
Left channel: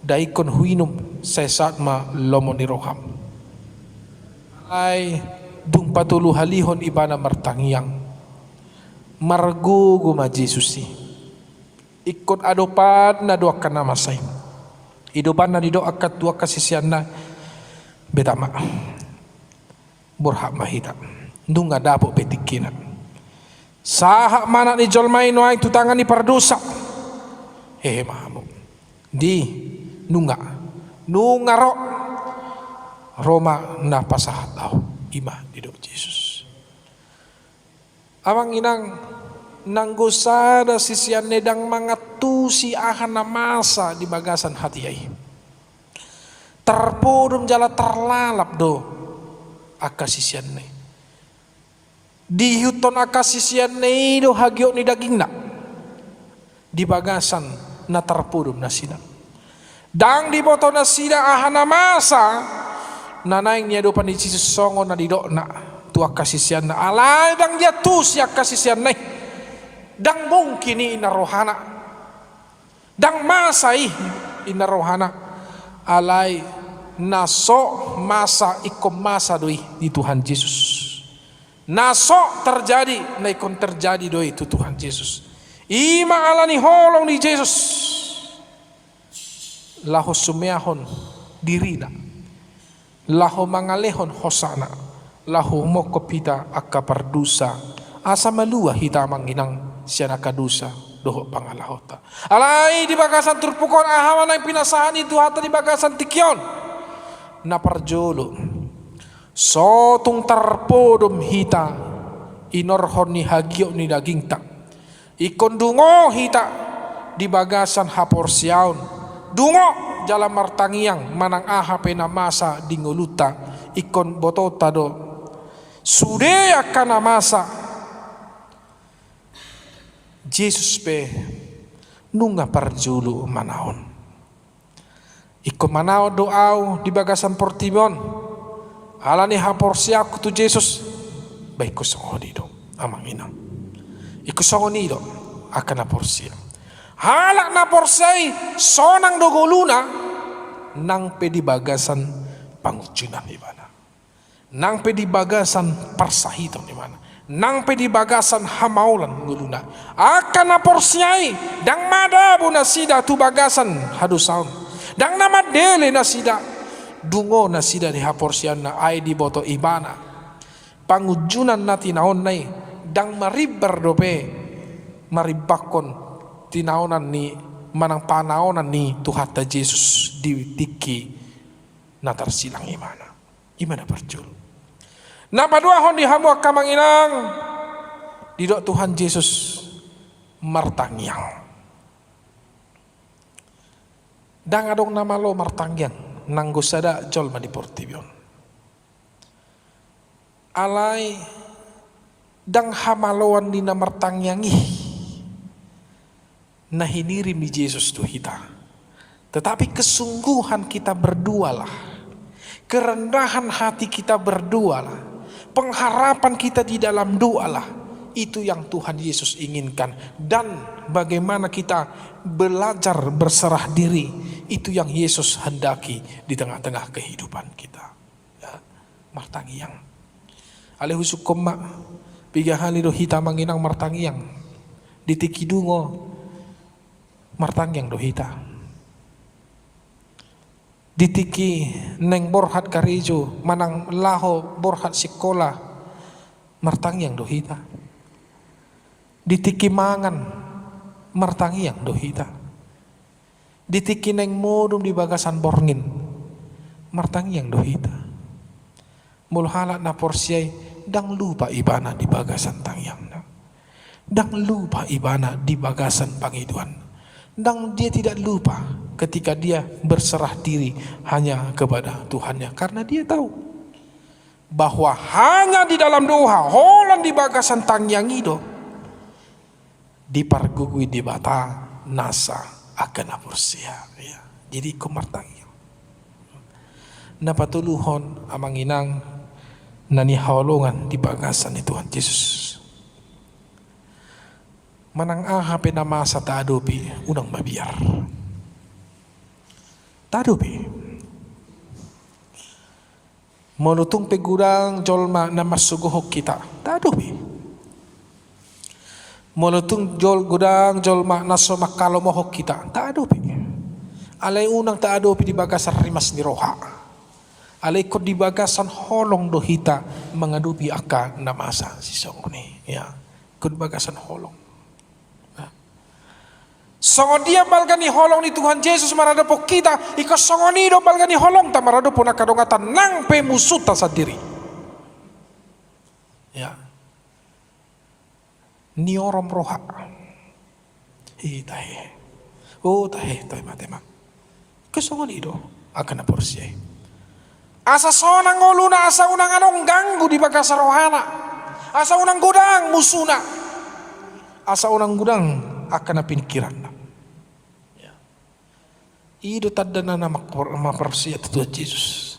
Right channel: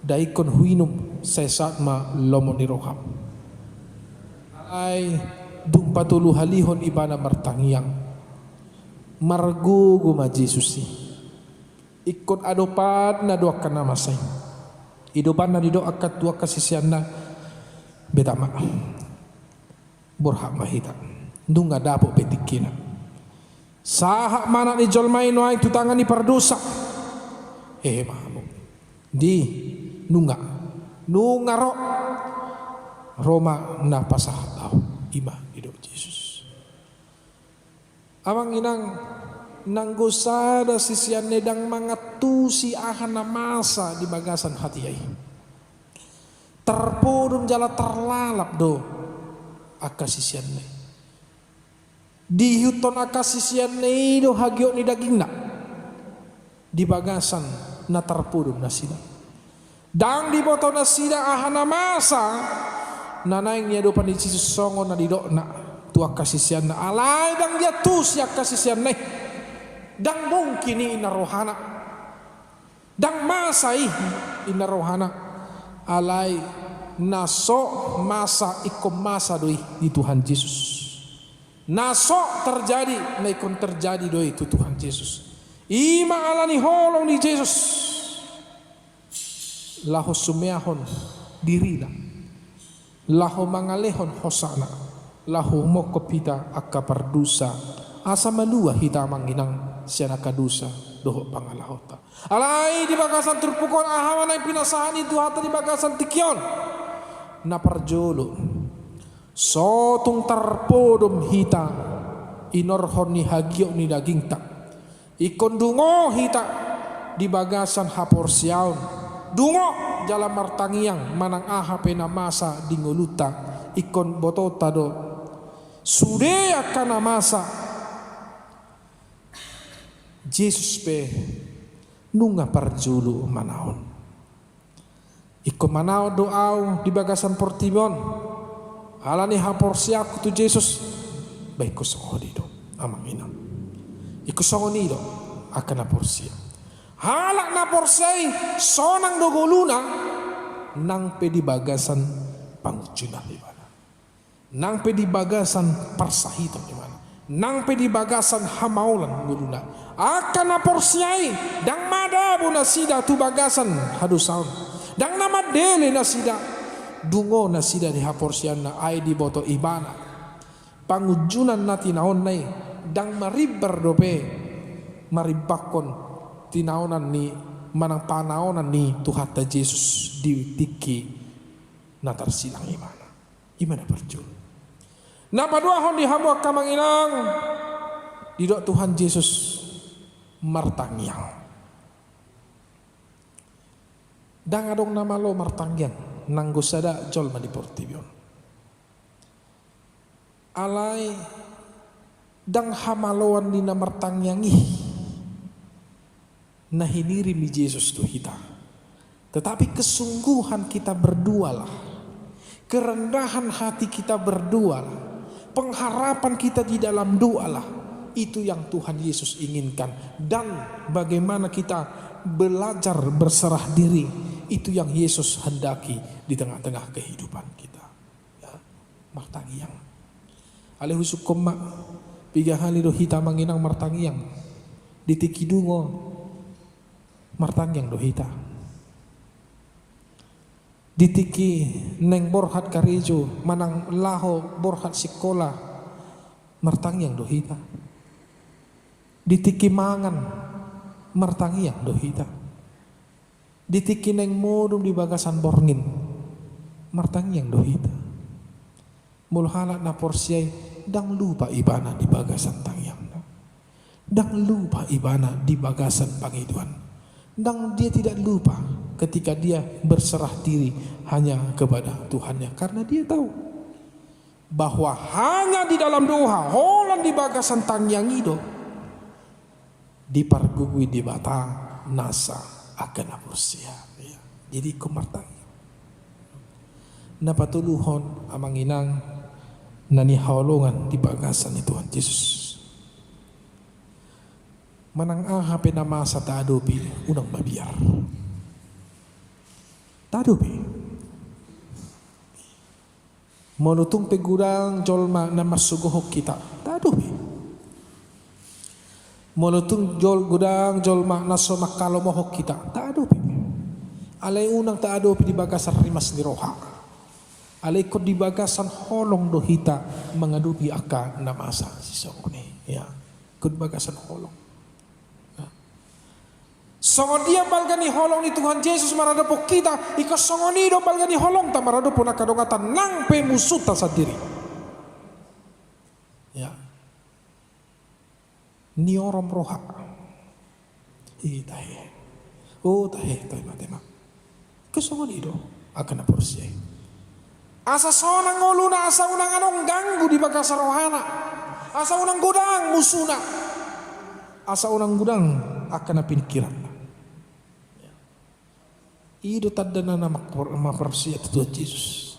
daikon huinum sesat ma lomo ni roham. ay dung patulu halihon ibana martangyang margo guma Jesus si ikot adopan na doa kana masay idopan na dido akat dua kasisian na betama burhak mahita dung nga dapo petikina saha mana ni jolmay no ay tutangan ni pardusa mahamo di nunga ro Roma na pasahataw ima dido Jesus amang inang nanggusada sisian nedang mga tusi ahan na masa di bagasan hati ay terpodum jala terlalap do akasisian ne dihuton akasisian ne do hagyo ni daging na di bagasan na terpodum na sida dang di boto na sida ahan na masa nanaing niya do pan di Jesus songo na dido na tu akasisian na alay dang dia tu si akasisian na dang mungkin ni inarohana dang masay inarohana alay naso masa ikom masa doi di Tuhan Yesus naso terjadi na ikon terjadi doi itu Tuhan Yesus ima alani holong di Yesus laho sumeahon dirina laho mangalehon hosana laho mokopita akapardusa asa malua hita manginang siya nakadusa doho pangalahota alay di bagasan turpukon ahaman ay pinasahan itu hata di bagasan tikyon na parjolo so tung tarpodom hita inorhon ni hagyo ni daging tak ikon dungo hita di bagasan haporsyaon dungo jala martangiang manang aha pena masa dinguluta ikon botota do sude akan masa Jesus pe nunga parjulu manaon iko manao doaw di bagasan Portimon alani hapor siap kutu Jesus baik ko songo dido amang ina iko songo nido akan hapor siap halak na porsay sonang dogoluna nang pe di bagasan pangucunan di mana nang pe di bagasan parsahiton di mana nang pedi bagasan hamaulan nguluna akan naporsiai dang madabu nasida tu bagasan hadusaun dang nama dele nasida dungo nasida di haporsian na ai di boto ibana pangujunan na tinaon nai dang maribar dope maribakon tinaonan ni manang panaonan ni Tuhata Yesus di tiki natar silang imana perjul na paduahon di hamu kamang inang didok Tuhan Yesus martangyang dang adong nama lo martangyang nanggusada jol mani Portimon alay dang hamaloan ni na martangyangi na hinirim ni Yesus tu hita tetapi kesungguhan kita berdualah kerendahan hati kita berdualah pengharapan kita di dalam doalah itu yang Tuhan Yesus inginkan dan bagaimana kita belajar berserah diri itu yang Yesus hendaki di tengah-tengah kehidupan kita ya, martangiang alih husukum mak piga hali do hita manginang martangiang ditikidungo martangiang do hita ditiki neng borhat karijo manang laho borhat sikola martangyang dohita ditiki mangan martangyang dohita ditiki neng modum di bagasan borngin martangyang dohita mulhala na porsiay dang lupa ibana di bagasan tangyang dang lupa ibana di bagasan pangiduan dang dia tidak lupa ketika dia berserah diri hanya kepada Tuhannya karena dia tahu bahwa hanya di dalam doa holan di bagasan tangyang itu dipargugui di bata nasa akan apursia ya. Jadi kumartangyang napatuluhon amang inang nani haulungan di bagasan ni Tuhan Yesus manang aha penamasa taadopi unang mabiar tadopi Molutung pegurang jolma na masuguhok kita. Tadubi. Molutung gudang jolma na somakalomohok kita. Tadubi. Alay unang taadopi di bagasan rimas ni roha. Alay ko di bagasan holong dohita mengadupi aka na masa si songoni. Ya. Kod bagasan holong. Songon dia balgani holong ni Tuhan Yesus marada po kita ika songoni do balgani holong ta marada po nakadongatan nang pemusuta sa diri. Ya. Ni orom roha. Tahe. Oh tahe toy matema. Kesongoni do akan na porsiya. Asa sonang ngoluna asa unang anong ganggu di bagasa rohana. Asa unang gudang musuna. Asa unang gudang akan na pinikiran. Ido tadda na mapersia Tuhan Yesus.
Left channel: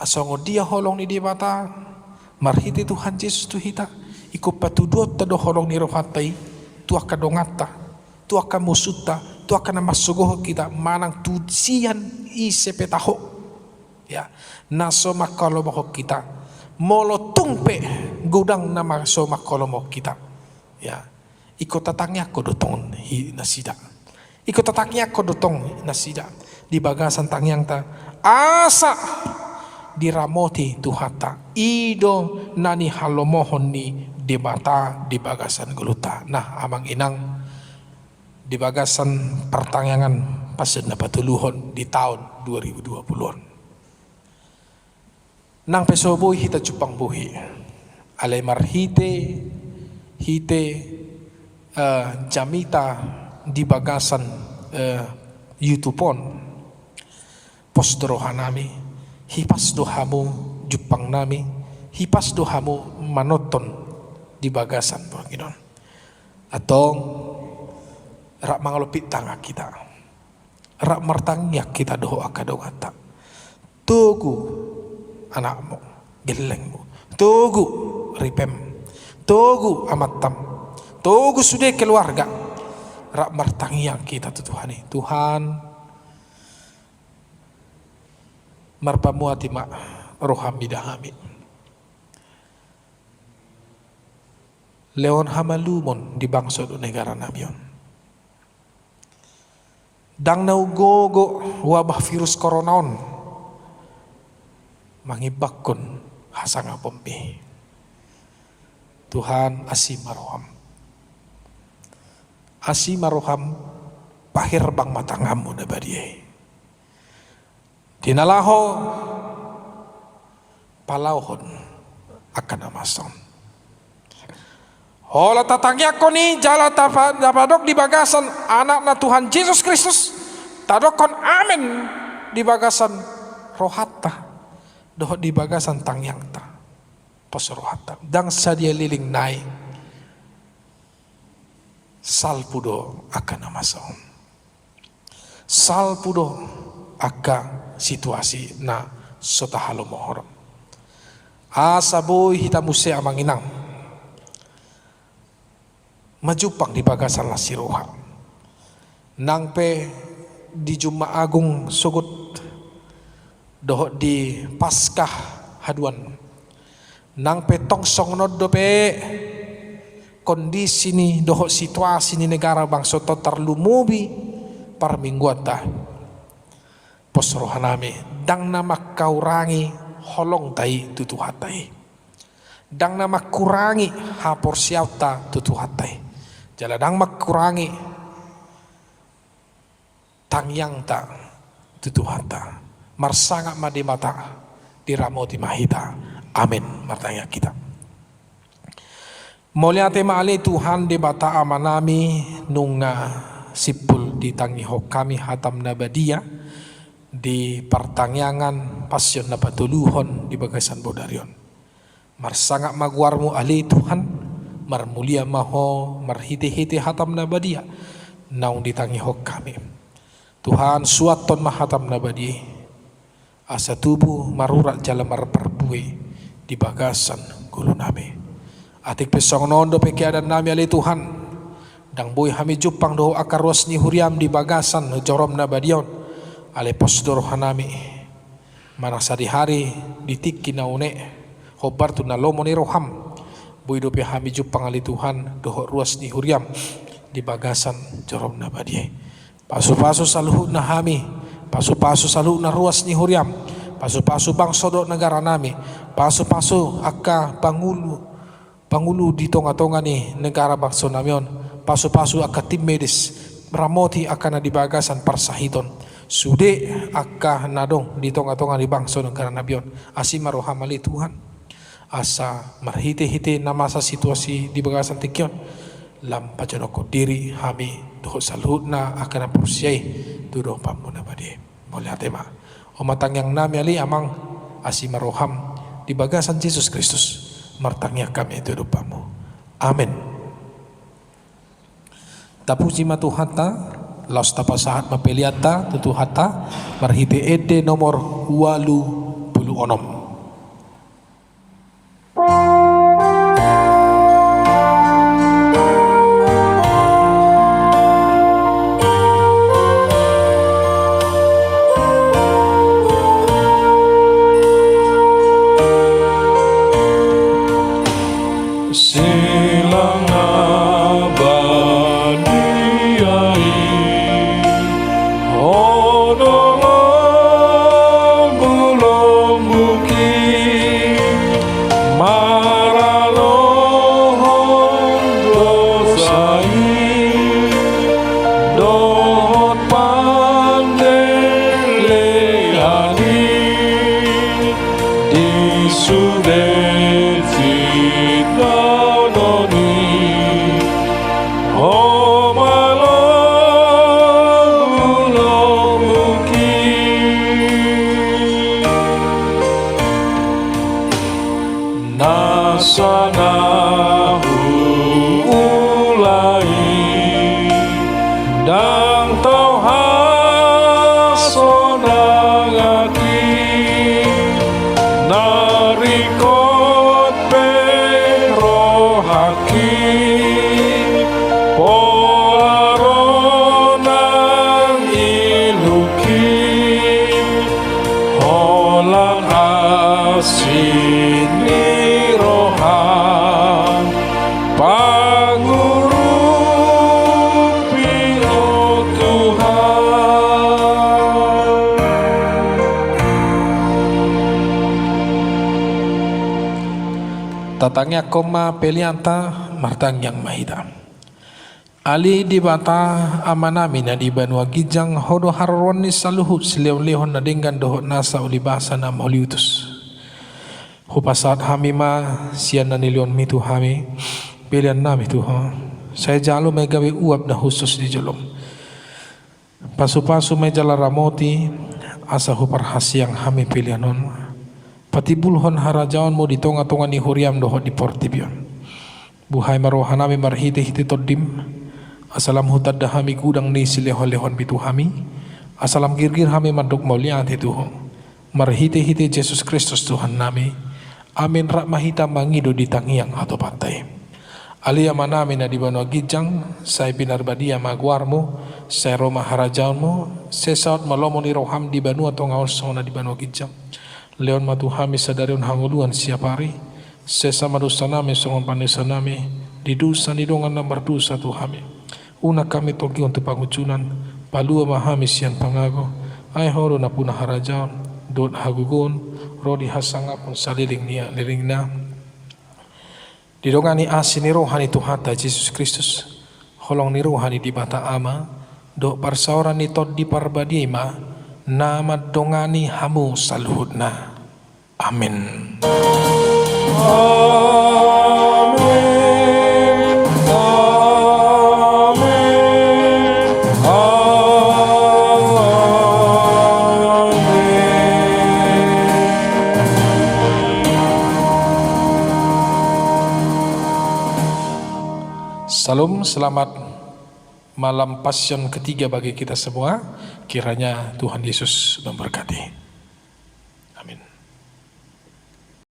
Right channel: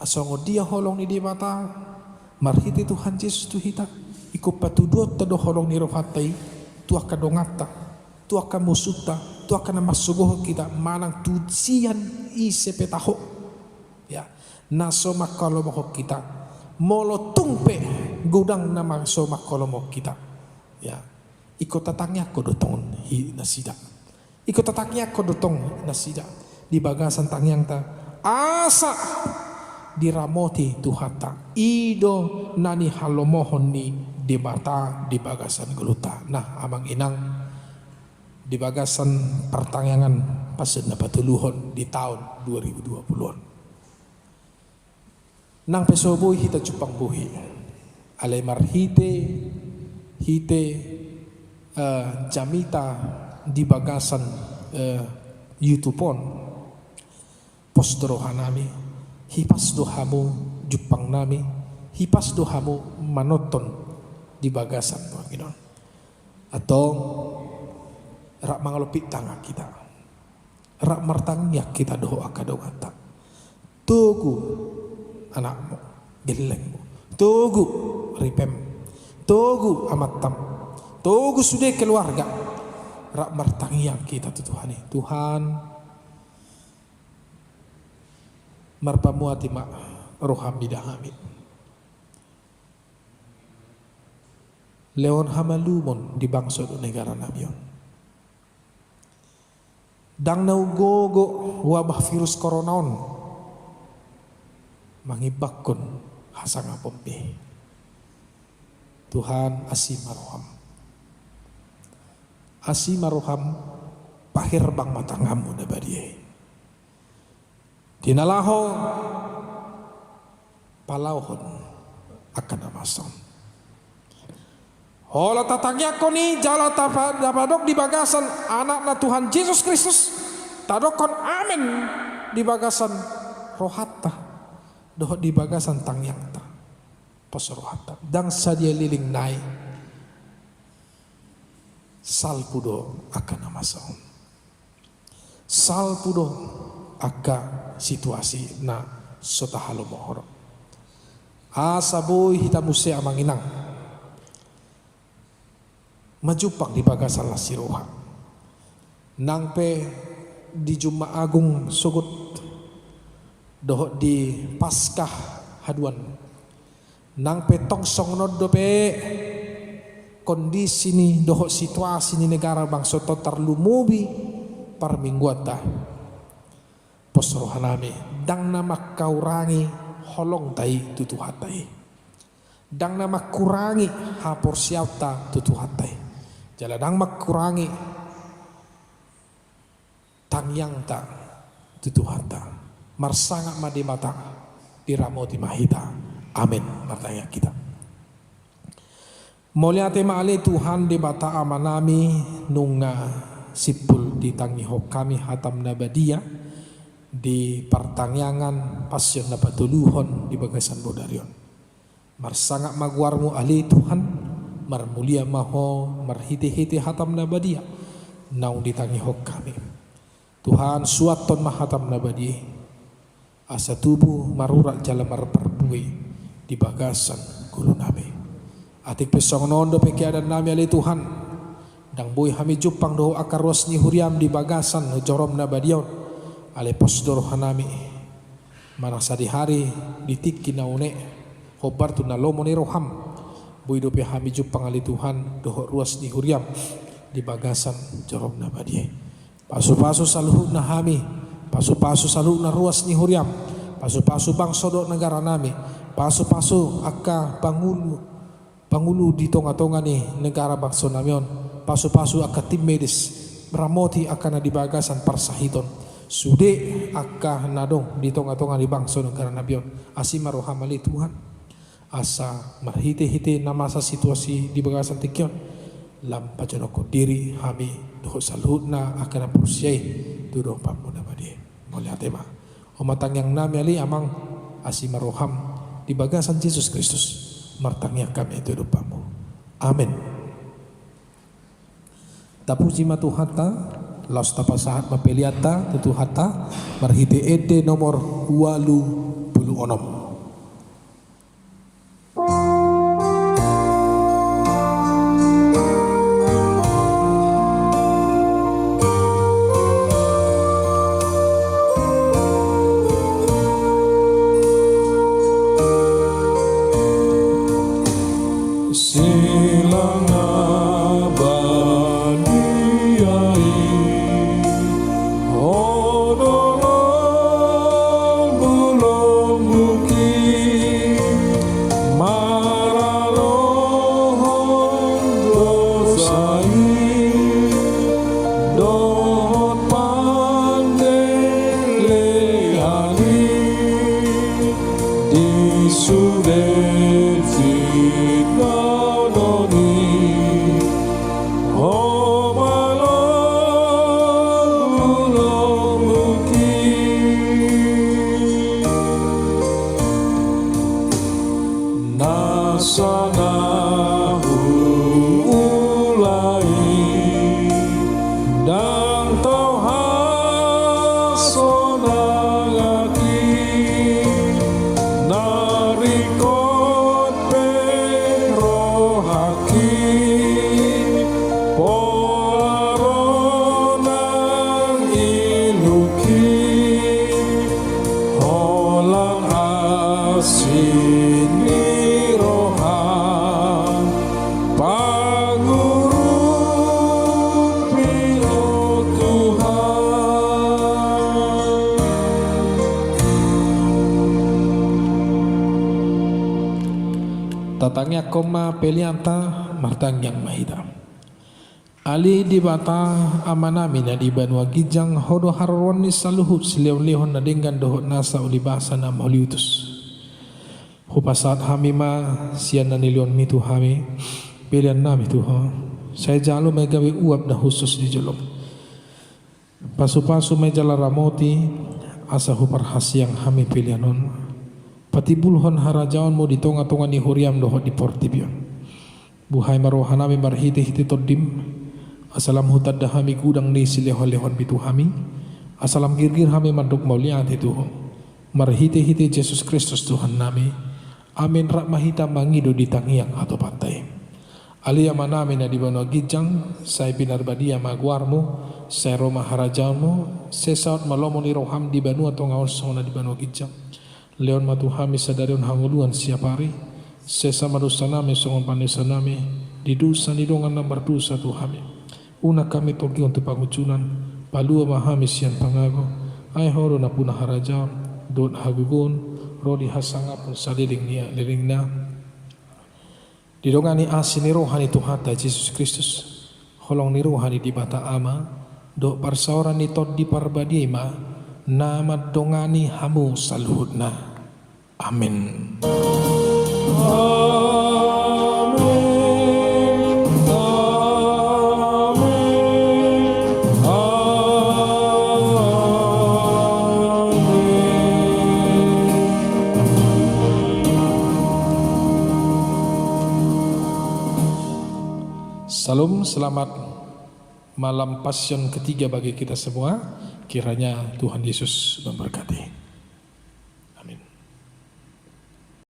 Asongo dia holong ni di mata marhiti Tuhan Yesus tu hita iko patudot tado holong ni rohatai tu akadongata tu akamusuta tu akana masugoh kita manang tusian isepetaho ya naso makalomo kita molo tumpe gudang nama so makalomo kita ya iko tatangnya kodotong hi nasida. Ikut tataknya kodotong nasida di bagasan tangyang ta asa diramoti tuhata ido nani halomohon ni debata di bagasan geluta. Nah amang inang di bagasan pertangyangan pasen na patuluhon di tahun 2020. Nang pesoboy hita cupang buhi alay marhite hite jamita di bagasan YouTubeon pos dohanami hipas dohamu jupang nami hipas dohamu manoton di bagasan Panginoon atau rak mangalupit tangga kita rak martangnya kita doho akadongata tugu anakmu gelengmu tugu ripem tugu amatam tugu sudah keluarga rak martangiang kita Tuhan Tuhan marpamuati mak roham bidahami leon hamalumon di bangsa do negara namion dang naugogo wabah virus koronaon mangibakon hasanga pompe Tuhan asimaroham asimaroham pahir bang matangamu na badiyay. Dinalaho palauhon akan amason. Hola tatangya ko ni jala tapadok di bagasan anak na Tuhan Yesus Kristus. Tadokon amin di bagasan rohata. Doh di bagasan tangyang ta. Pos rohata. Dang sadia liling naik. Salpudo akan amason. Salpudo akan situasi na sotahalo mohor. Asaboy hitamuse amang inang. Majupang di bagasan lasiroha. Nangpe di Juma Agung sugut doh di Paskah haduan. Nangpe tongsong nodope kondisi ni doho situasi ni negara bangsa to terlumubi par mingguata pos rohanami dang nama kaurangi holong tai tutuhatai dang nama kurangi hapor siauta tutuhatai jala dang makurangi tangyang ta tutuhata marsanga madimata diramoti mahita amin martanya kita. Moliate maali Tuhan di bata amanami nunga sipul di tangiho kami hatam nabadia di pertangyangan pasyon na patuluhon di bagasan bodarion. Marsangak maguarmu ali Tuhan marmulia maho marhiti-hiti hatam nabadia naung di tangiho kami. Tuhan suaton mahatam nabadi asa tubuh marurak jalan marperbui di bagasan gulunami. Atik pesong nondo pekiadan nami ali Tuhan dang boy hami jupang doho akaros ni huriam di bagasan jorom nabadion ale posdor hanami Mana sadi-hari ditiki na une hobar tu na lomo ni roham bu hidup hami ju pangali Tuhan dohok ruas ni huriam di bagasan jorom na badie. Pasu-pasu saluhut na hami, pasu-pasu saluhut na ruas ni huriam, pasu-pasu bang sodok negara nami, pasu-pasu akka pangulu di tonga-tonga ni negara bangsa namion, pasu-pasu akka tim medis ramoti akan di bagasan parsahiton. Sude akka nadong di tonga-tonga di bangsa negara nabion asima rohamali Tuhan asa marhite-hite na masa situasi di bagasan tikion lam pajonoko diri hami doh salut na akan persiai tudoh pamuna badi boleh atema omatang yang nami ali amang asima roham di bagasan Yesus Kristus martangnya kami tudoh pamu amin. Tapuji Tuhan ta laus tapa saat mapeliata tutu hata marhite ede nomor 86. Tatangnya koma pelianta martang yang mahida. Ali di bata amanami na di banua gijang hodo harron ni saluhut sileo-lehon na dengan dohot nasa ulibasa na mauliutus. Hupasat hami ma sian na nilion mitu hami pilihan nami Tuhan. Saya jalo may gawi uap na khusus di jalom. Pasu-pasu may jala ramoti asa huparhasyang hami pilihanon. Patibulhon harajaon mo di tonga-tonga ni huriam dohot di portibion. Buhay marohanami marhite-hite todim. Asalam hutad da hami kudang ni silehon-lehon bitu hami. Asalam girgir hami manduk mauliat Tuhan. Marhite-hite Yesus Kristus Tuhan nami. Amin rak mahita mangido di tangiang atau pantai. Alia manami na di banua gijang. Saya binar badia maguarmu. Saya roma harajaonmu. Saya saut malomo ni roham di banua tongaon sona di banua gijang. Leon matu hami sadarion hanguluan siapari sesa madusanami songon panesanami di dusa ni dongan nambar dusa tu hami una kami togi untuk pangucunan palua mahami sian pangago ai horo na punah harajaon dot hagugun rodi hasanga pun saliling nia liringna di dongani asini rohani Tuhan ta Yesus Kristus holong ni rohani di bata ama dok parsaoran ni tod di parbadima nama dongani hamu saluhutna. Amin. Salam, selamat malam Passion ketiga bagi kita semua. Kiranya Tuhan Yesus memberkati.